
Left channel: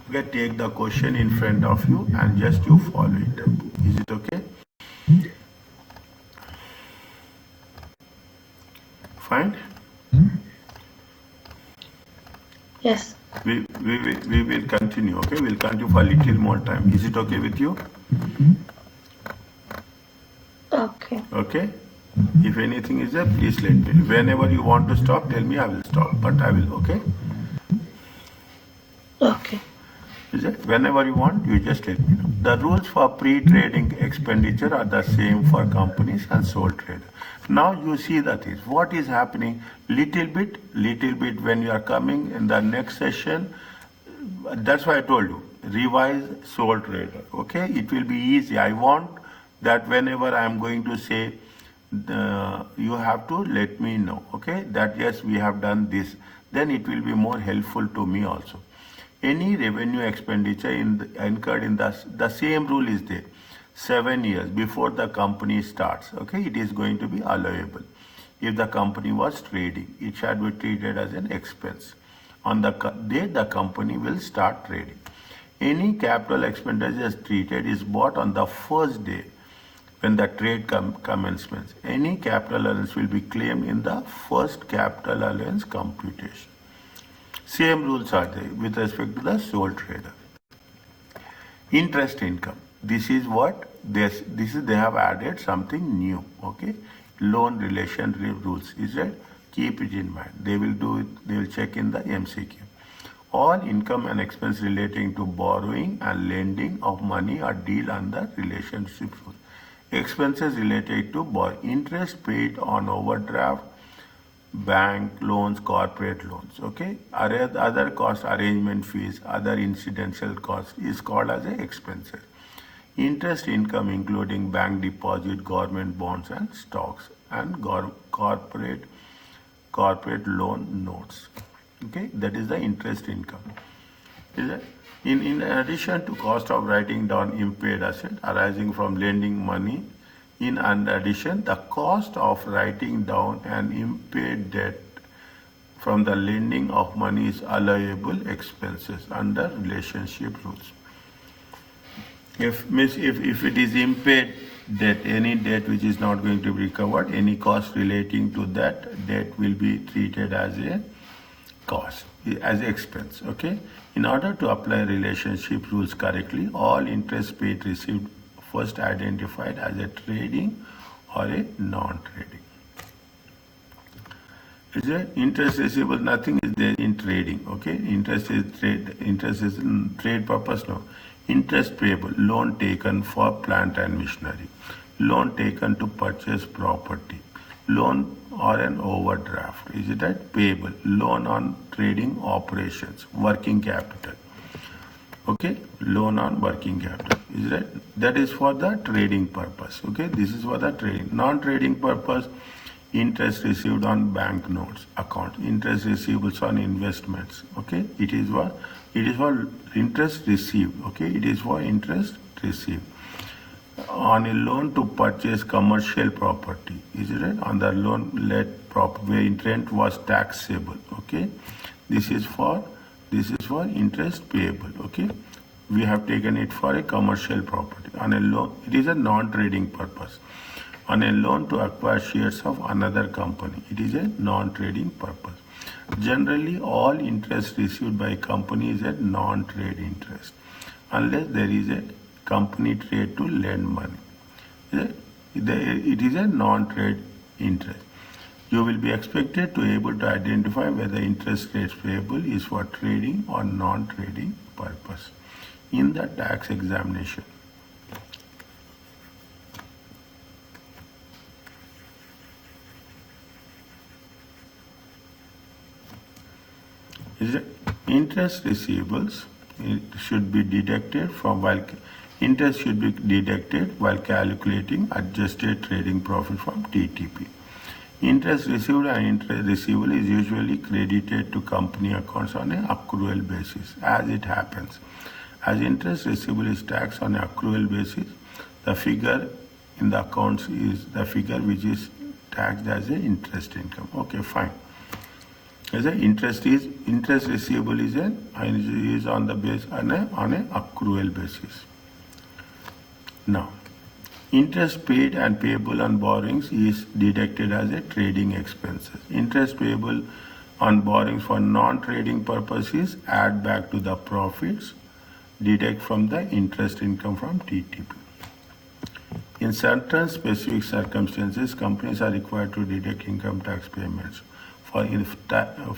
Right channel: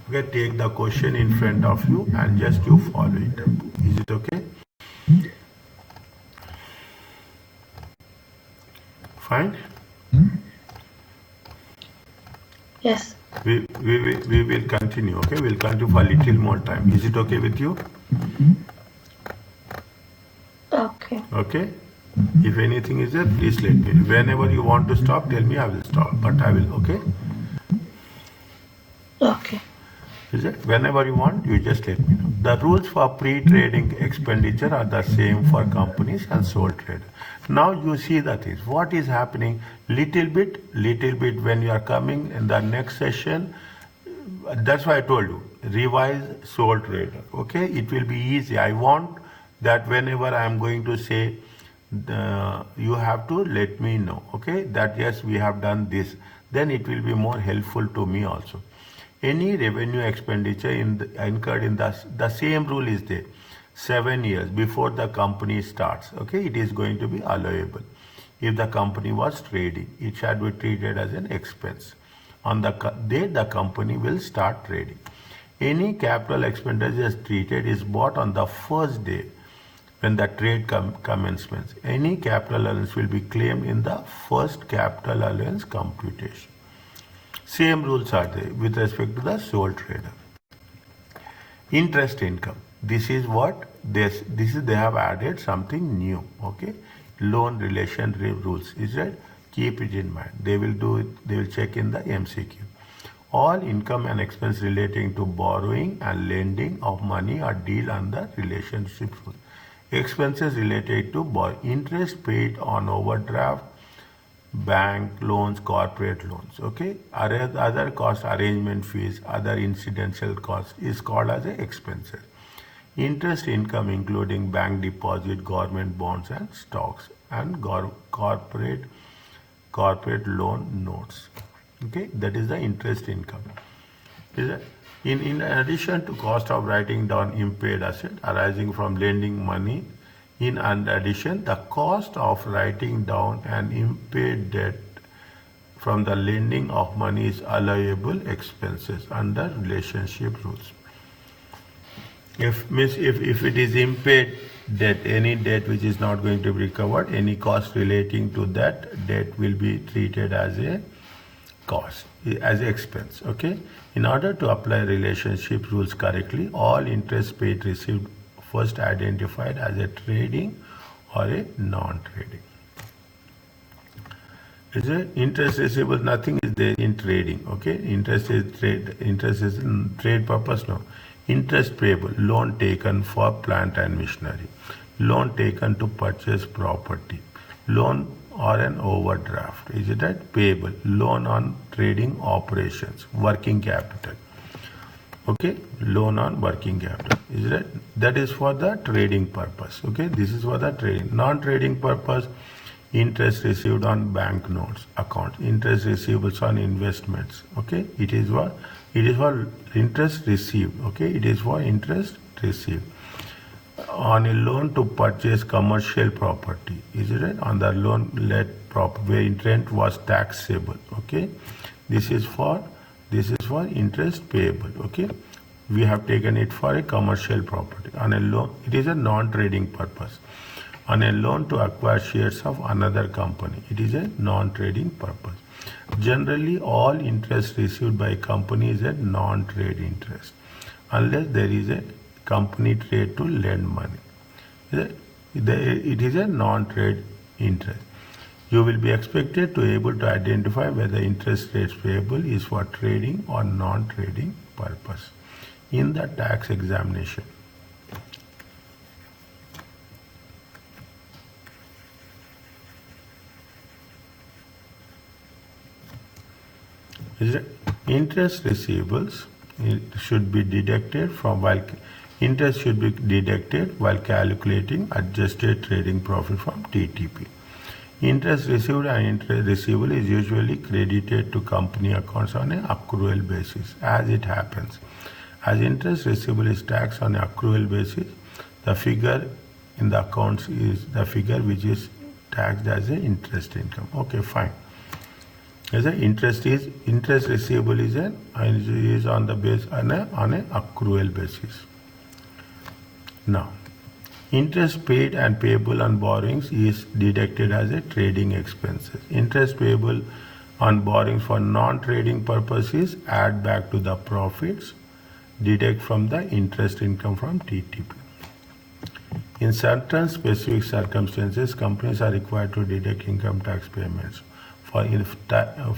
Okay, take the question in front of you and just you follow it up. Is it okay? Fine. Yes. We will continue, okay? We'll continue for a little more time. Is it okay with you? Okay. Okay? If anything is there, please let me. Whenever you want to stop, tell me, I will stop. But I will, okay? Okay. Is it? Whenever you want, you just let me know. The rules for pre-trading expenditure are the same for companies and sole trader. Now you see the things. What is happening? Little bit when you are coming in the next session. That's why I told you, revise sole trader. Okay, it will be easy. I want that whenever I am going to say, you have to let me know. Okay, that yes, we have done this. Then it will be more helpful to me also. Any revenue expenditure incurred in the same rule is there. 7 years before the company starts. Okay, it is going to be allowable. If the company was trading, it shall be treated as an expense. On the day the company will start trading. Any capital expenditure treated is bought on the first day when the trade commencements. Any capital allowance will be claimed in the first capital allowance computation. Same rules are there with respect to the sole trader. Interest income. This is what they have added something new. Okay, loan relationship rules. Is that? Keep it in mind. They will do it. They will check in the MCQ. All income and expense relating to borrowing and lending of money are dealt under relationship rules. Expenses related to borrowing, interest paid on overdraft, bank loans, corporate loans. Okay, other cost, arrangement fees, other incidental costs is called as a expenses. Interest income including bank deposit, government bonds and stocks, and corporate loan notes. Okay, that is the interest income. In addition to cost of writing down impaired asset arising from lending money, in addition, the cost of writing down an impaired debt from the lending of money is allowable expenses under relationship rules. If it is impaired debt, any debt which is not going to be recovered, any cost relating to that debt will be treated as a cost, as expense. Okay. In order to apply relationship rules correctly, all interest paid received first identified as a trading or a non-trading. Is it? Interest receivable, nothing is there in trading. Okay, interest is in trade purpose. No. Interest payable, loan taken for plant and machinery, loan taken to purchase property, loan or an overdraft. Is it that? Payable, loan on trading operations, working capital. Okay, loan on working capital. Is it? That is for the trading purpose. Okay, this is for the trading. Non-trading purpose, interest received on bank notes accounts, interest receivables on investments. Okay, it is for interest received. Okay, it is for interest received on a loan to purchase commercial property. Is it right? On the loan led property where interest was taxable. Okay, this is for interest payable. Okay, we have taken it for a commercial property. On a loan, it is a non-trading purpose. On a loan to acquire shares of another company, it is a non-trading purpose. Generally, all interest received by a company is a non-trade interest, unless there is a company trade to lend money. It is a non-trade interest. You will be expected to able to identify whether interest rates payable is for trading or non-trading purpose in the tax examination. Interest receivables should be deducted while calculating adjusted trading profit from TTP. Interest received and interest receivable is usually credited to company accounts on an accrual basis as it happens. As interest receivable is taxed on an accrual basis, the figure in the accounts is the figure which is taxed as an interest income. Okay, fine. As interest receivable is on the base on an accrual basis. Now, interest paid and payable on borrowings is deducted as a trading expenses. Interest payable On borrowings for non-trading purposes, add back to the profits, deduct from the interest income from TTP. In certain specific circumstances, companies are required to deduct income tax payments. However,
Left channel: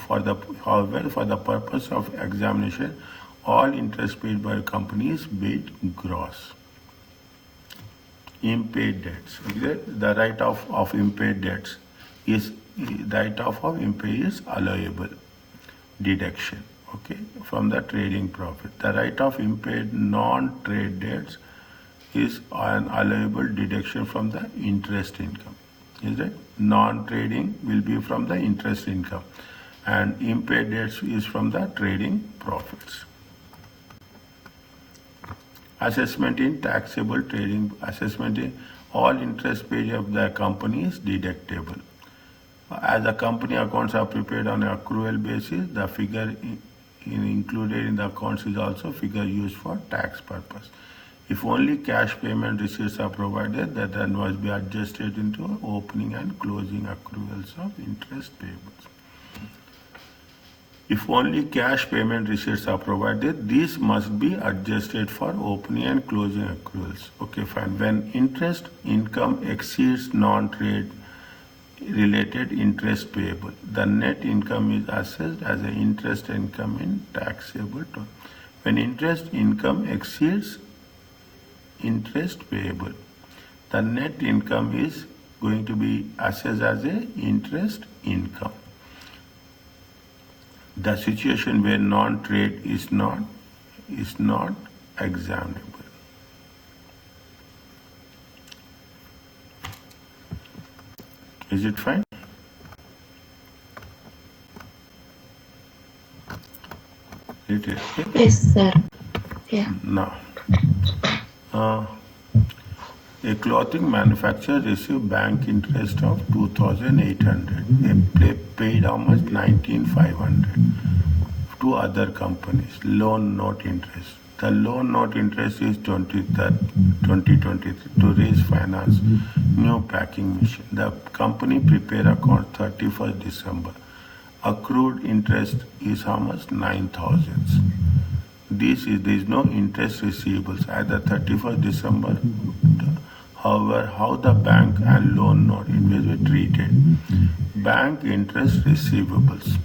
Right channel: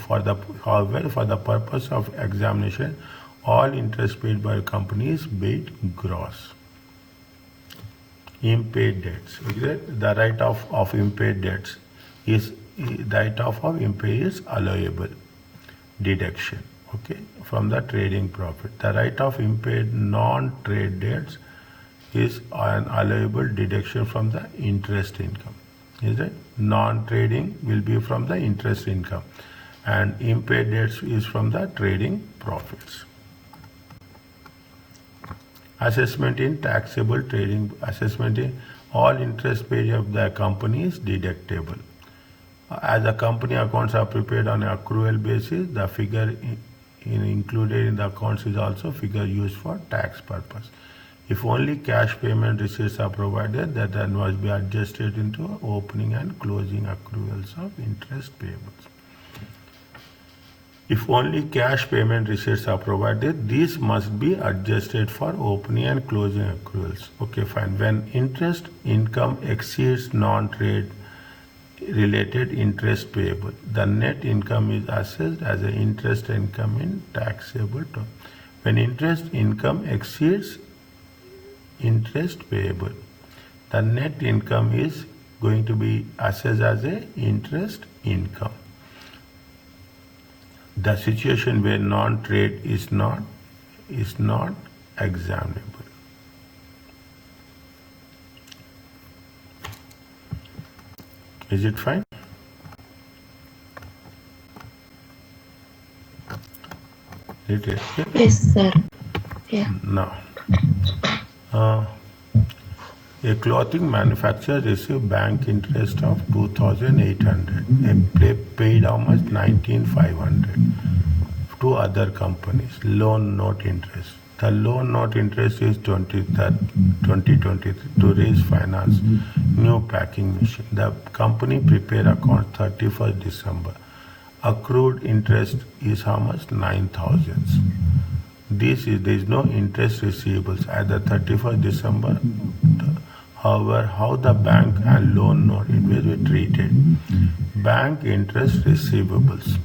for the purpose of examination, all interest paid by companies paid gross. Unpaid debts. Okay? The write-off of unpaid debts is allowable deduction. Okay, from the trading profit. The write-off unpaid non-trade debts is an allowable deduction from the interest income. Is it? Non-trading will be from the interest income, and unpaid debts is from the trading profits. Assessment in taxable trading. Assessment in all interest paid of the company is deductible. As the company accounts are prepared on an accrual basis, the figure included in the accounts is also figure used for tax purpose. If only cash payment receipts are provided, that then must be adjusted into opening and closing accruals of interest payables. If only cash payment receipts are provided, these must be adjusted for opening and closing accruals. Okay, fine. When interest income exceeds non-trade related interest payable, the net income is assessed as an interest income in taxable term. When interest income exceeds interest payable, the net income is going to be assessed as a interest income. The situation where non-trade is not examinable. Is it fine? It is. Yes, sir. Yeah. Now, a clothing manufacturer received bank interest of 2,800. They paid how much? 19,500 to other companies. Loan note interest. The loan note interest is 2023 to raise finance new packing machine. The company prepare account 31st December. Accrued interest is how much? 9,000. There is no interest receivables at the 31st December. However, how the bank and loan note interest were treated? Bank interest receivables.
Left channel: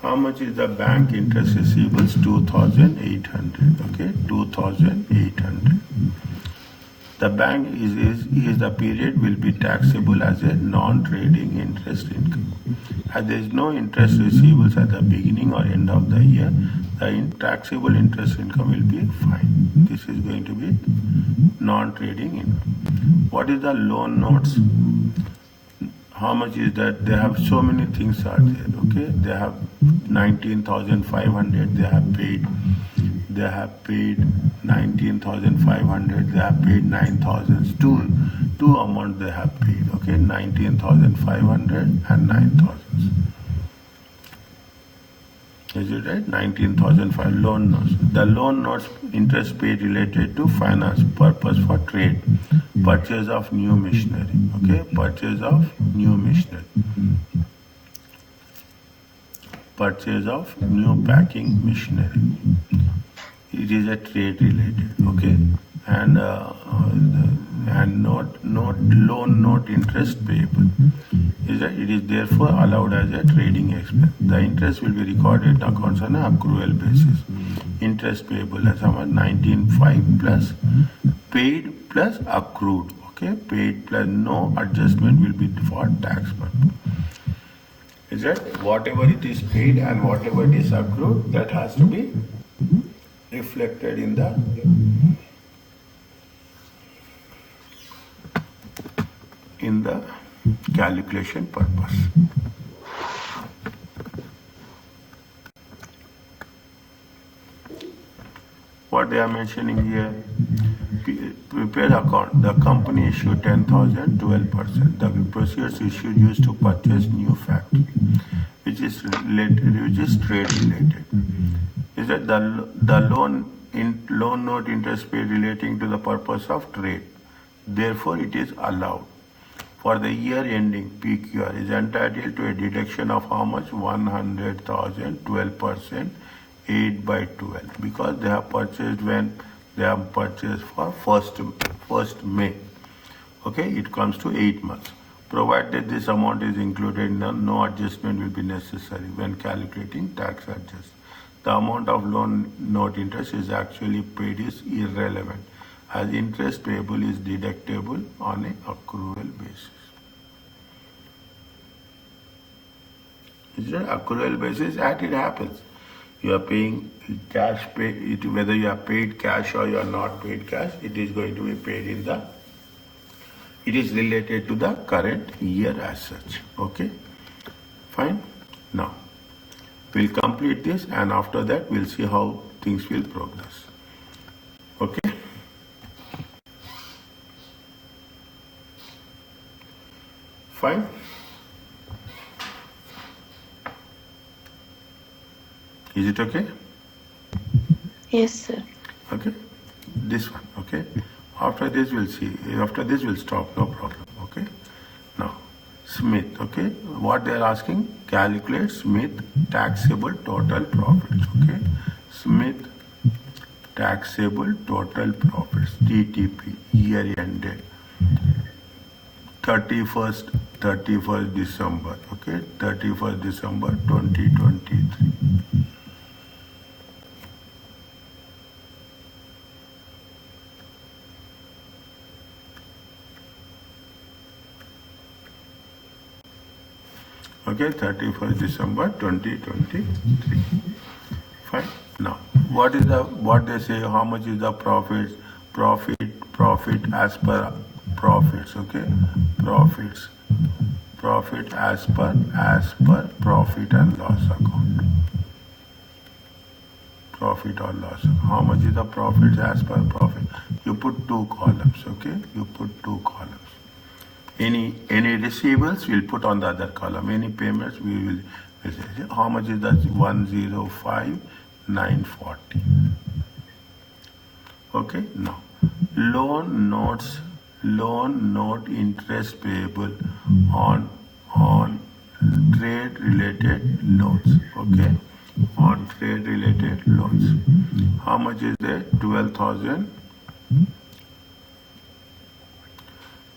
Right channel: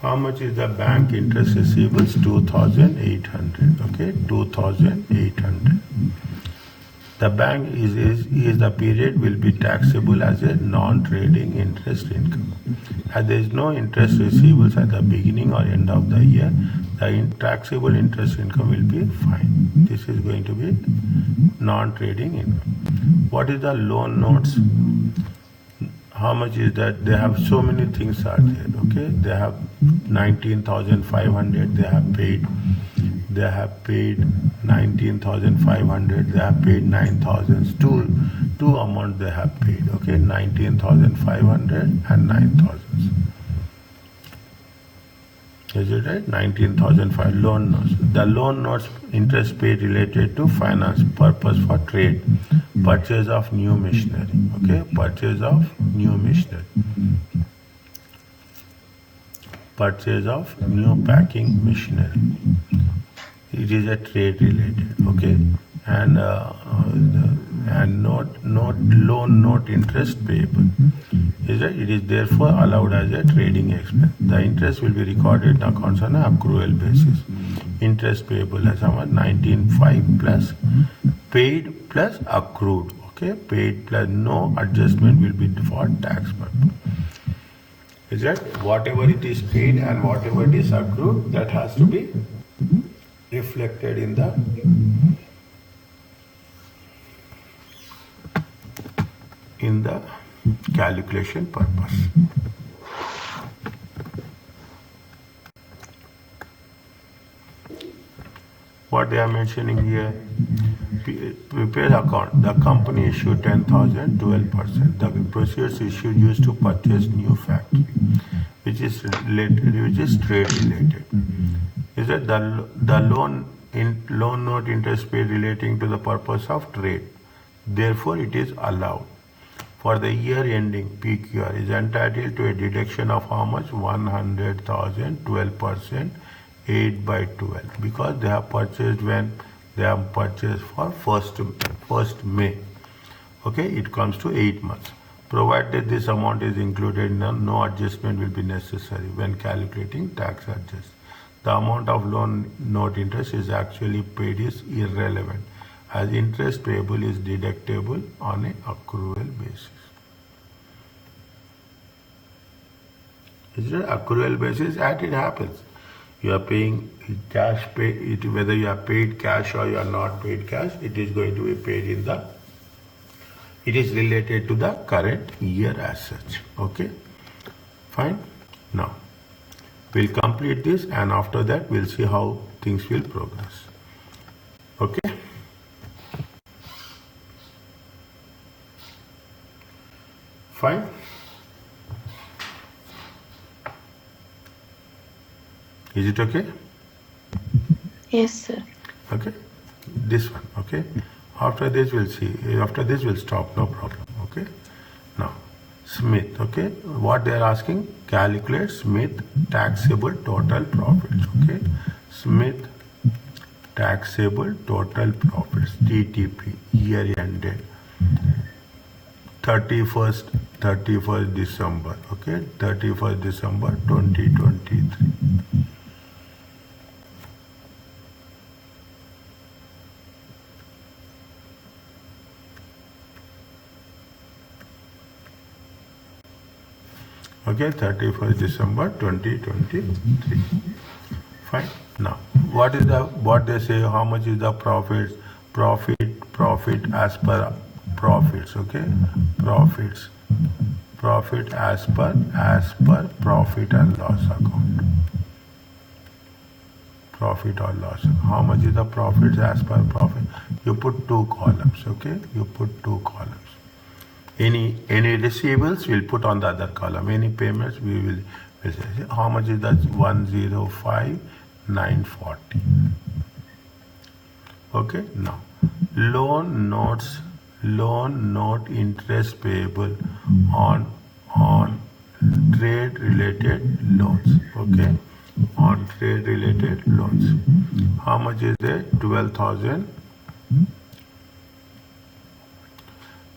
How much is the bank interest receivables? 2,800. Okay, 2,800. The bank is the period will be taxable as a non-trading interest income. As there is no interest receivables at the beginning or end of the year, the taxable interest income will be fine. This is going to be non-trading income. What is the loan notes? How much is that? They have so many things are there. Okay, they have 19,500. They have paid 19,500. They have paid 9,000. Two amounts they have paid. Okay, 19,500 and 9,000. Is it right? 19,500 loan notes. The loan notes interest paid related to finance purpose for trade, purchase of new machinery. Okay, purchase of new machinery, purchase of new packing machinery. It is a trade related. Okay, and loan note interest payable. It is therefore allowed as a trading expense. The interest will be recorded in accounts on an accrual basis. Interest payable as how much? 19,500 plus paid plus accrued. Okay, paid plus no adjustment will be for tax purpose. Is that whatever it is paid and whatever it is accrued, that has to be reflected in the calculation purpose. What they are mentioning here, prepared account, the company issued 10,000, 12%. The proceeds issued used to purchase new factory, which is trade related. Is that the loan note interest paid relating to the purpose of trade. Therefore, it is allowed. for the year ending peak year is entitled to a deduction of how much? 100,000, 12%, 8 by 12, because they have purchased when they have purchased for 1st May. Okay, it comes to 8 months. Provided this amount is included, no adjustment will be necessary when calculating tax adjust. The amount of loan note interest is actually paid is irrelevant, as interest payable is deductible on an accrual basis. Is it accrual basis? And it happens. You are paying cash, whether you are paid cash or you are not paid cash, it is going to be paid in the, it is related to the current year as such. Okay, fine. Now, we'll complete this, and after that, we'll see how things will progress. Okay. Fine. Is it okay? Yes, sir. Okay. This one. Okay. After this, we'll see. After this, we'll stop. No problem. Okay. Now, Smith. Okay. What they are asking? Calculate Smith taxable total profits. Okay. Smith taxable total profits. TTP. Year ended 31st December. Okay. 31st December 2023. Okay, 31st December 2023. Fine. Now, what they say? How much is the profit as per profits? Okay, profit as per profit and loss account. Profit or loss. How much is the profit as per profit? You put 2 columns. Okay, you put 2 columns. Any receivables we'll put on the other column. Any payments we will say how much is that? 105,940. Okay. Now, loan note interest payable on trade related loans. Okay, on trade related loans. How much is there?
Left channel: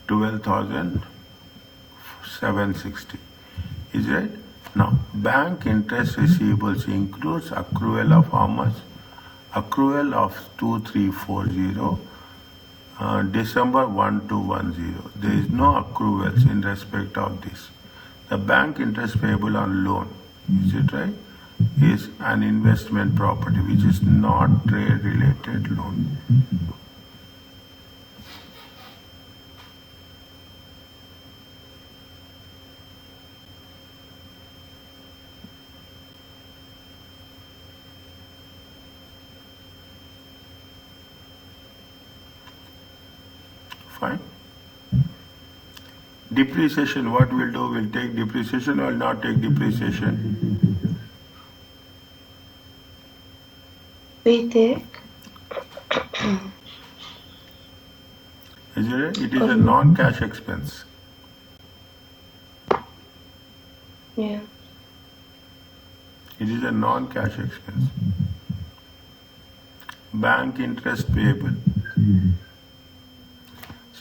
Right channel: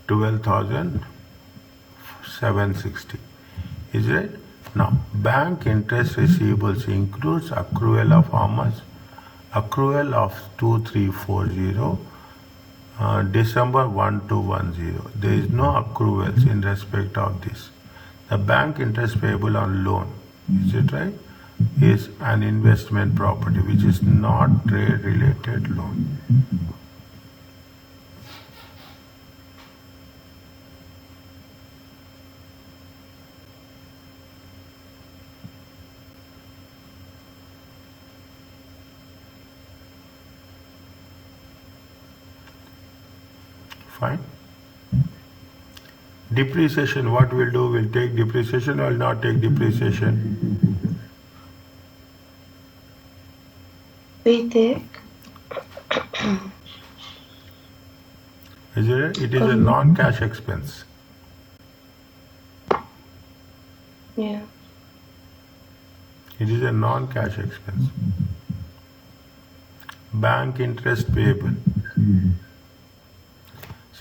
12,760. Is it? Now, bank interest receivables includes accrual of how much? Accrual of 2340, December 1210. There is no accruals in respect of this. The bank interest payable on loan, is it right? Is an investment property which is not trade related loan. Fine. Depreciation, what we'll do, we'll take depreciation or will not take depreciation? We take. Is it? It is a non-cash expense. Yeah. It is a non-cash expense. Bank interest payable.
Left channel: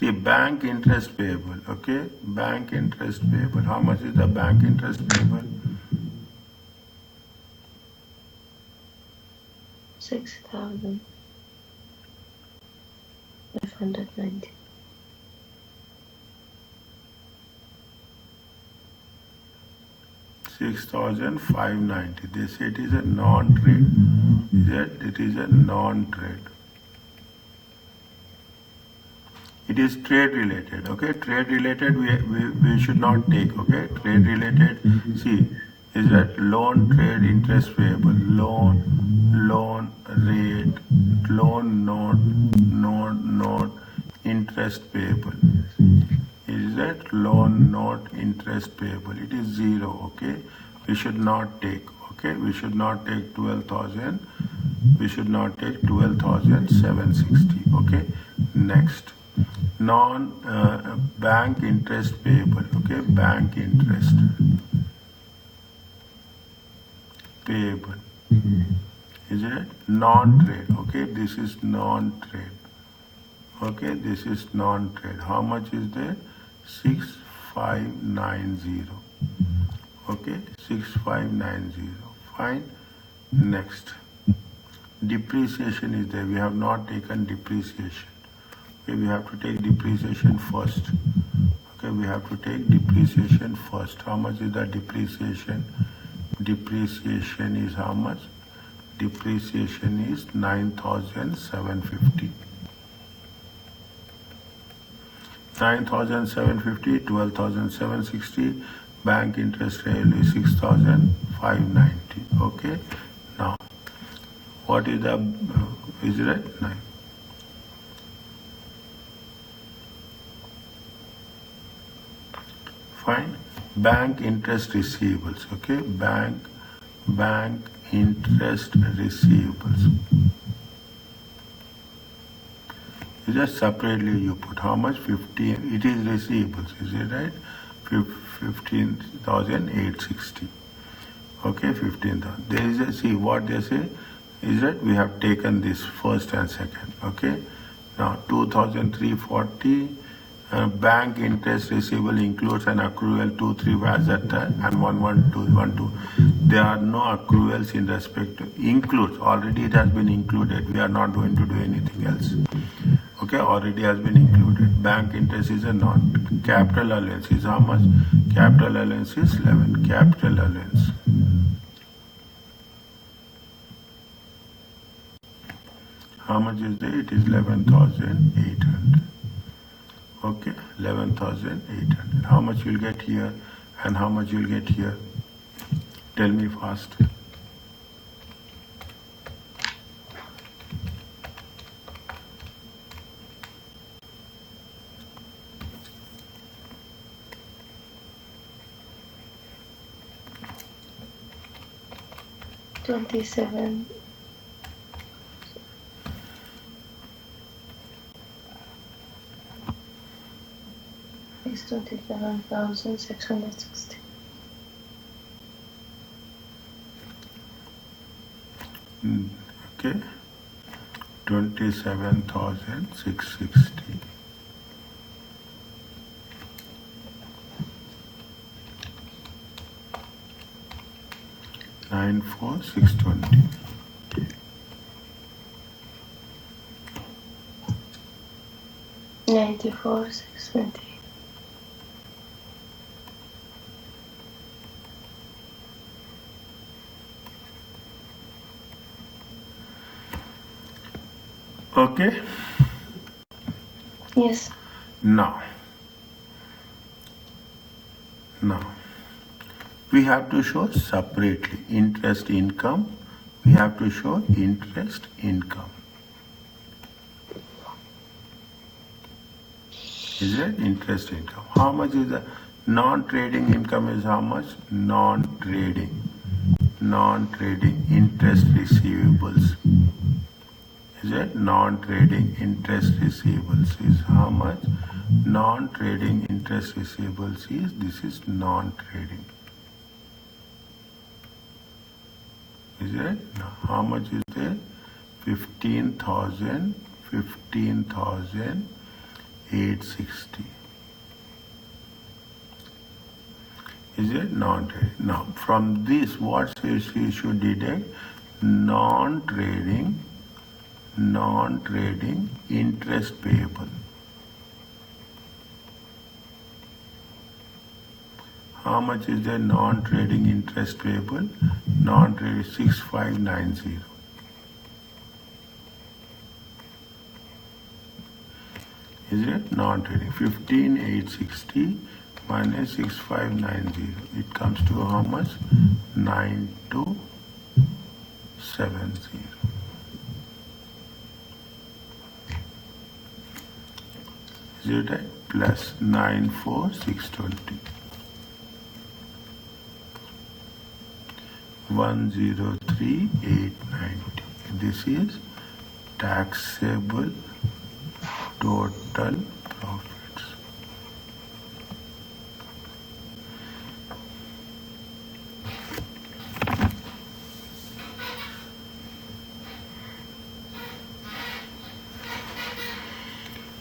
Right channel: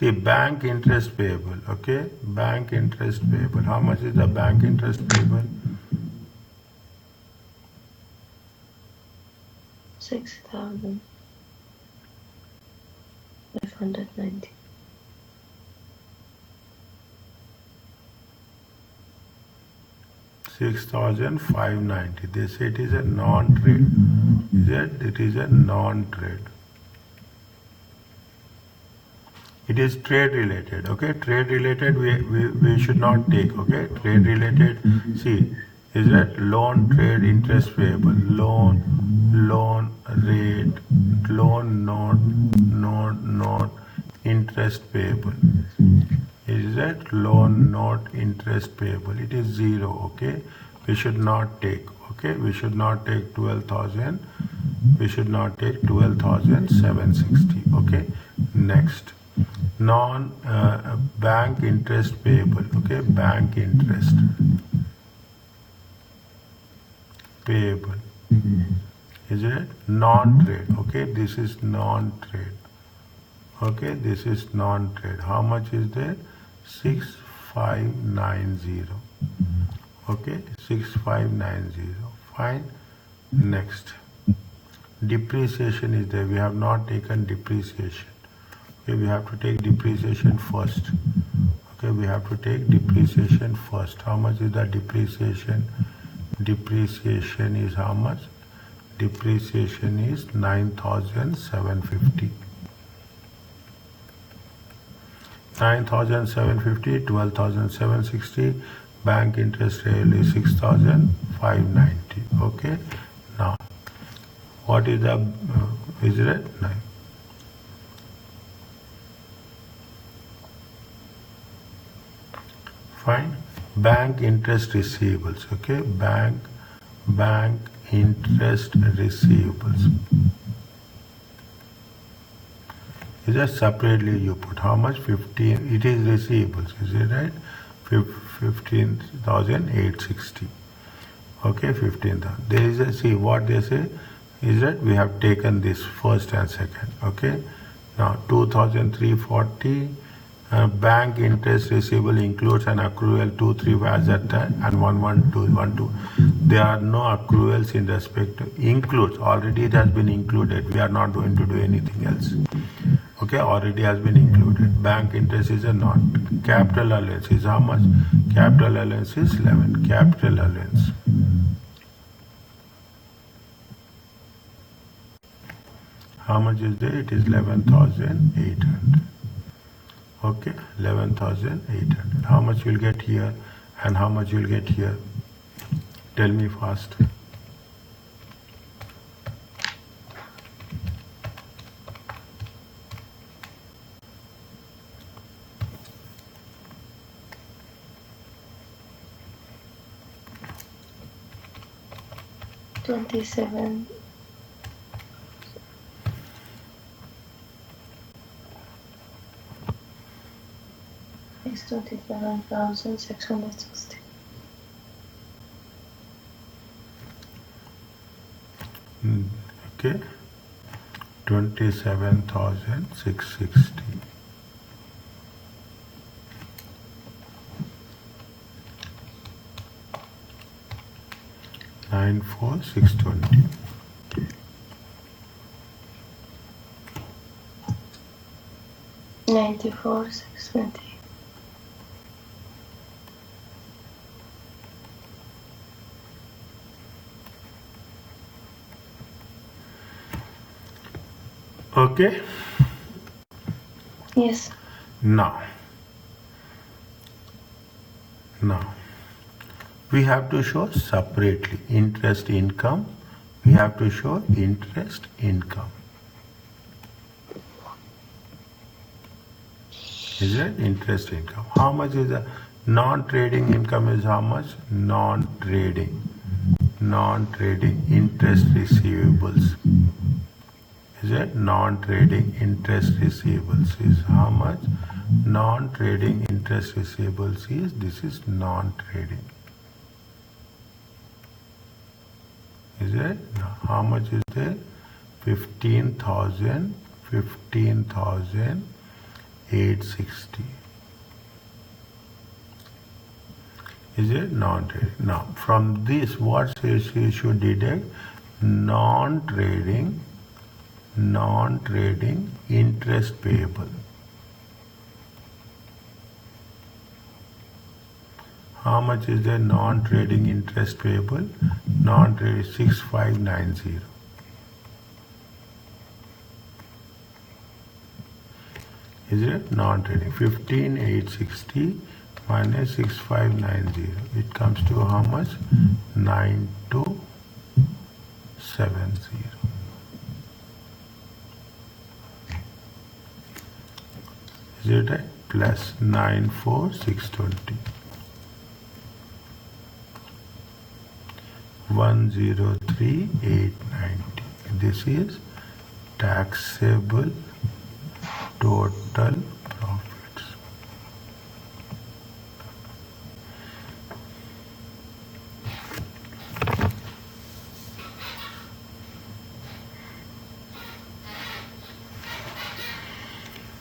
See, bank interest payable, okay? Bank interest payable. How much is the bank interest payable? 6,590. 6,590. They say it is a non-trade. Yet it is a non-trade. It is trade related. Okay, trade related we should not take. Okay, trade related. See, is that loan trade interest payable, loan rate, loan note interest payable. Is that loan note interest payable? It is 0. Okay, we should not take. Okay, we should not take 12,000. We should not take 12,760. Okay, next. bank interest payable. Okay, bank interest payable. Is it non-trade? Okay, this is non-trade. Okay, this is non-trade. How much is there? 6590. Okay, 6590. Fine. Next, depreciation is there. We have not taken depreciation. Okay, we have to take depreciation first. Okay, we have to take depreciation first. How much is the depreciation? Depreciation is how much? Depreciation is 9,750. 9,750, 12,760. Bank interest rate is 6,590. Okay. Now, what is the is it 9? Fine. Bank interest receivables. Okay. Bank interest receivables. Just separately you put how much? 15. It is receivables. Is it right? 15,860. Okay, 15,000. There is a, see what they say is that we have taken this first and second. Okay. Now 2,340. Bank interest receivable includes an accrual 2,3 as at and 1,1,2,1,2. There are no accruals in respect to includes. Already it has been included. We are not going to do anything else. Okay, already has been included. Bank interest is a not. Capital allowance is how much? Capital allowance is 11. Capital allowance. How much is there? It is 11,800. Okay, 11,800. How much you'll get here and how much you'll get here? Tell me fast. $27. Is 27,660. Okay, 27,660. Nine four 620. $94,620. Okay. Yes. Now we have to show separately interest income. We have to show interest income. Is it interest income? How much is the non-trading income? Is how much? Non-trading interest receivables. Is it non-trading interest receivables is how much? Non-trading interest receivables is, this is non-trading. Is it? Now, how much is there? 15,860. Is it non-trading? Now, from this, what we should deduct? Non-trading interest payable. How much is the non-trading interest payable? Non-trading 6590. Is it non-trading? 15,860 minus 6590. It comes to how much? 9270. Is it right? Plus 94,620. 103,890. This is taxable total profit.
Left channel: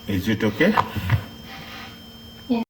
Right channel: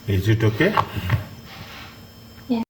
Is it okay?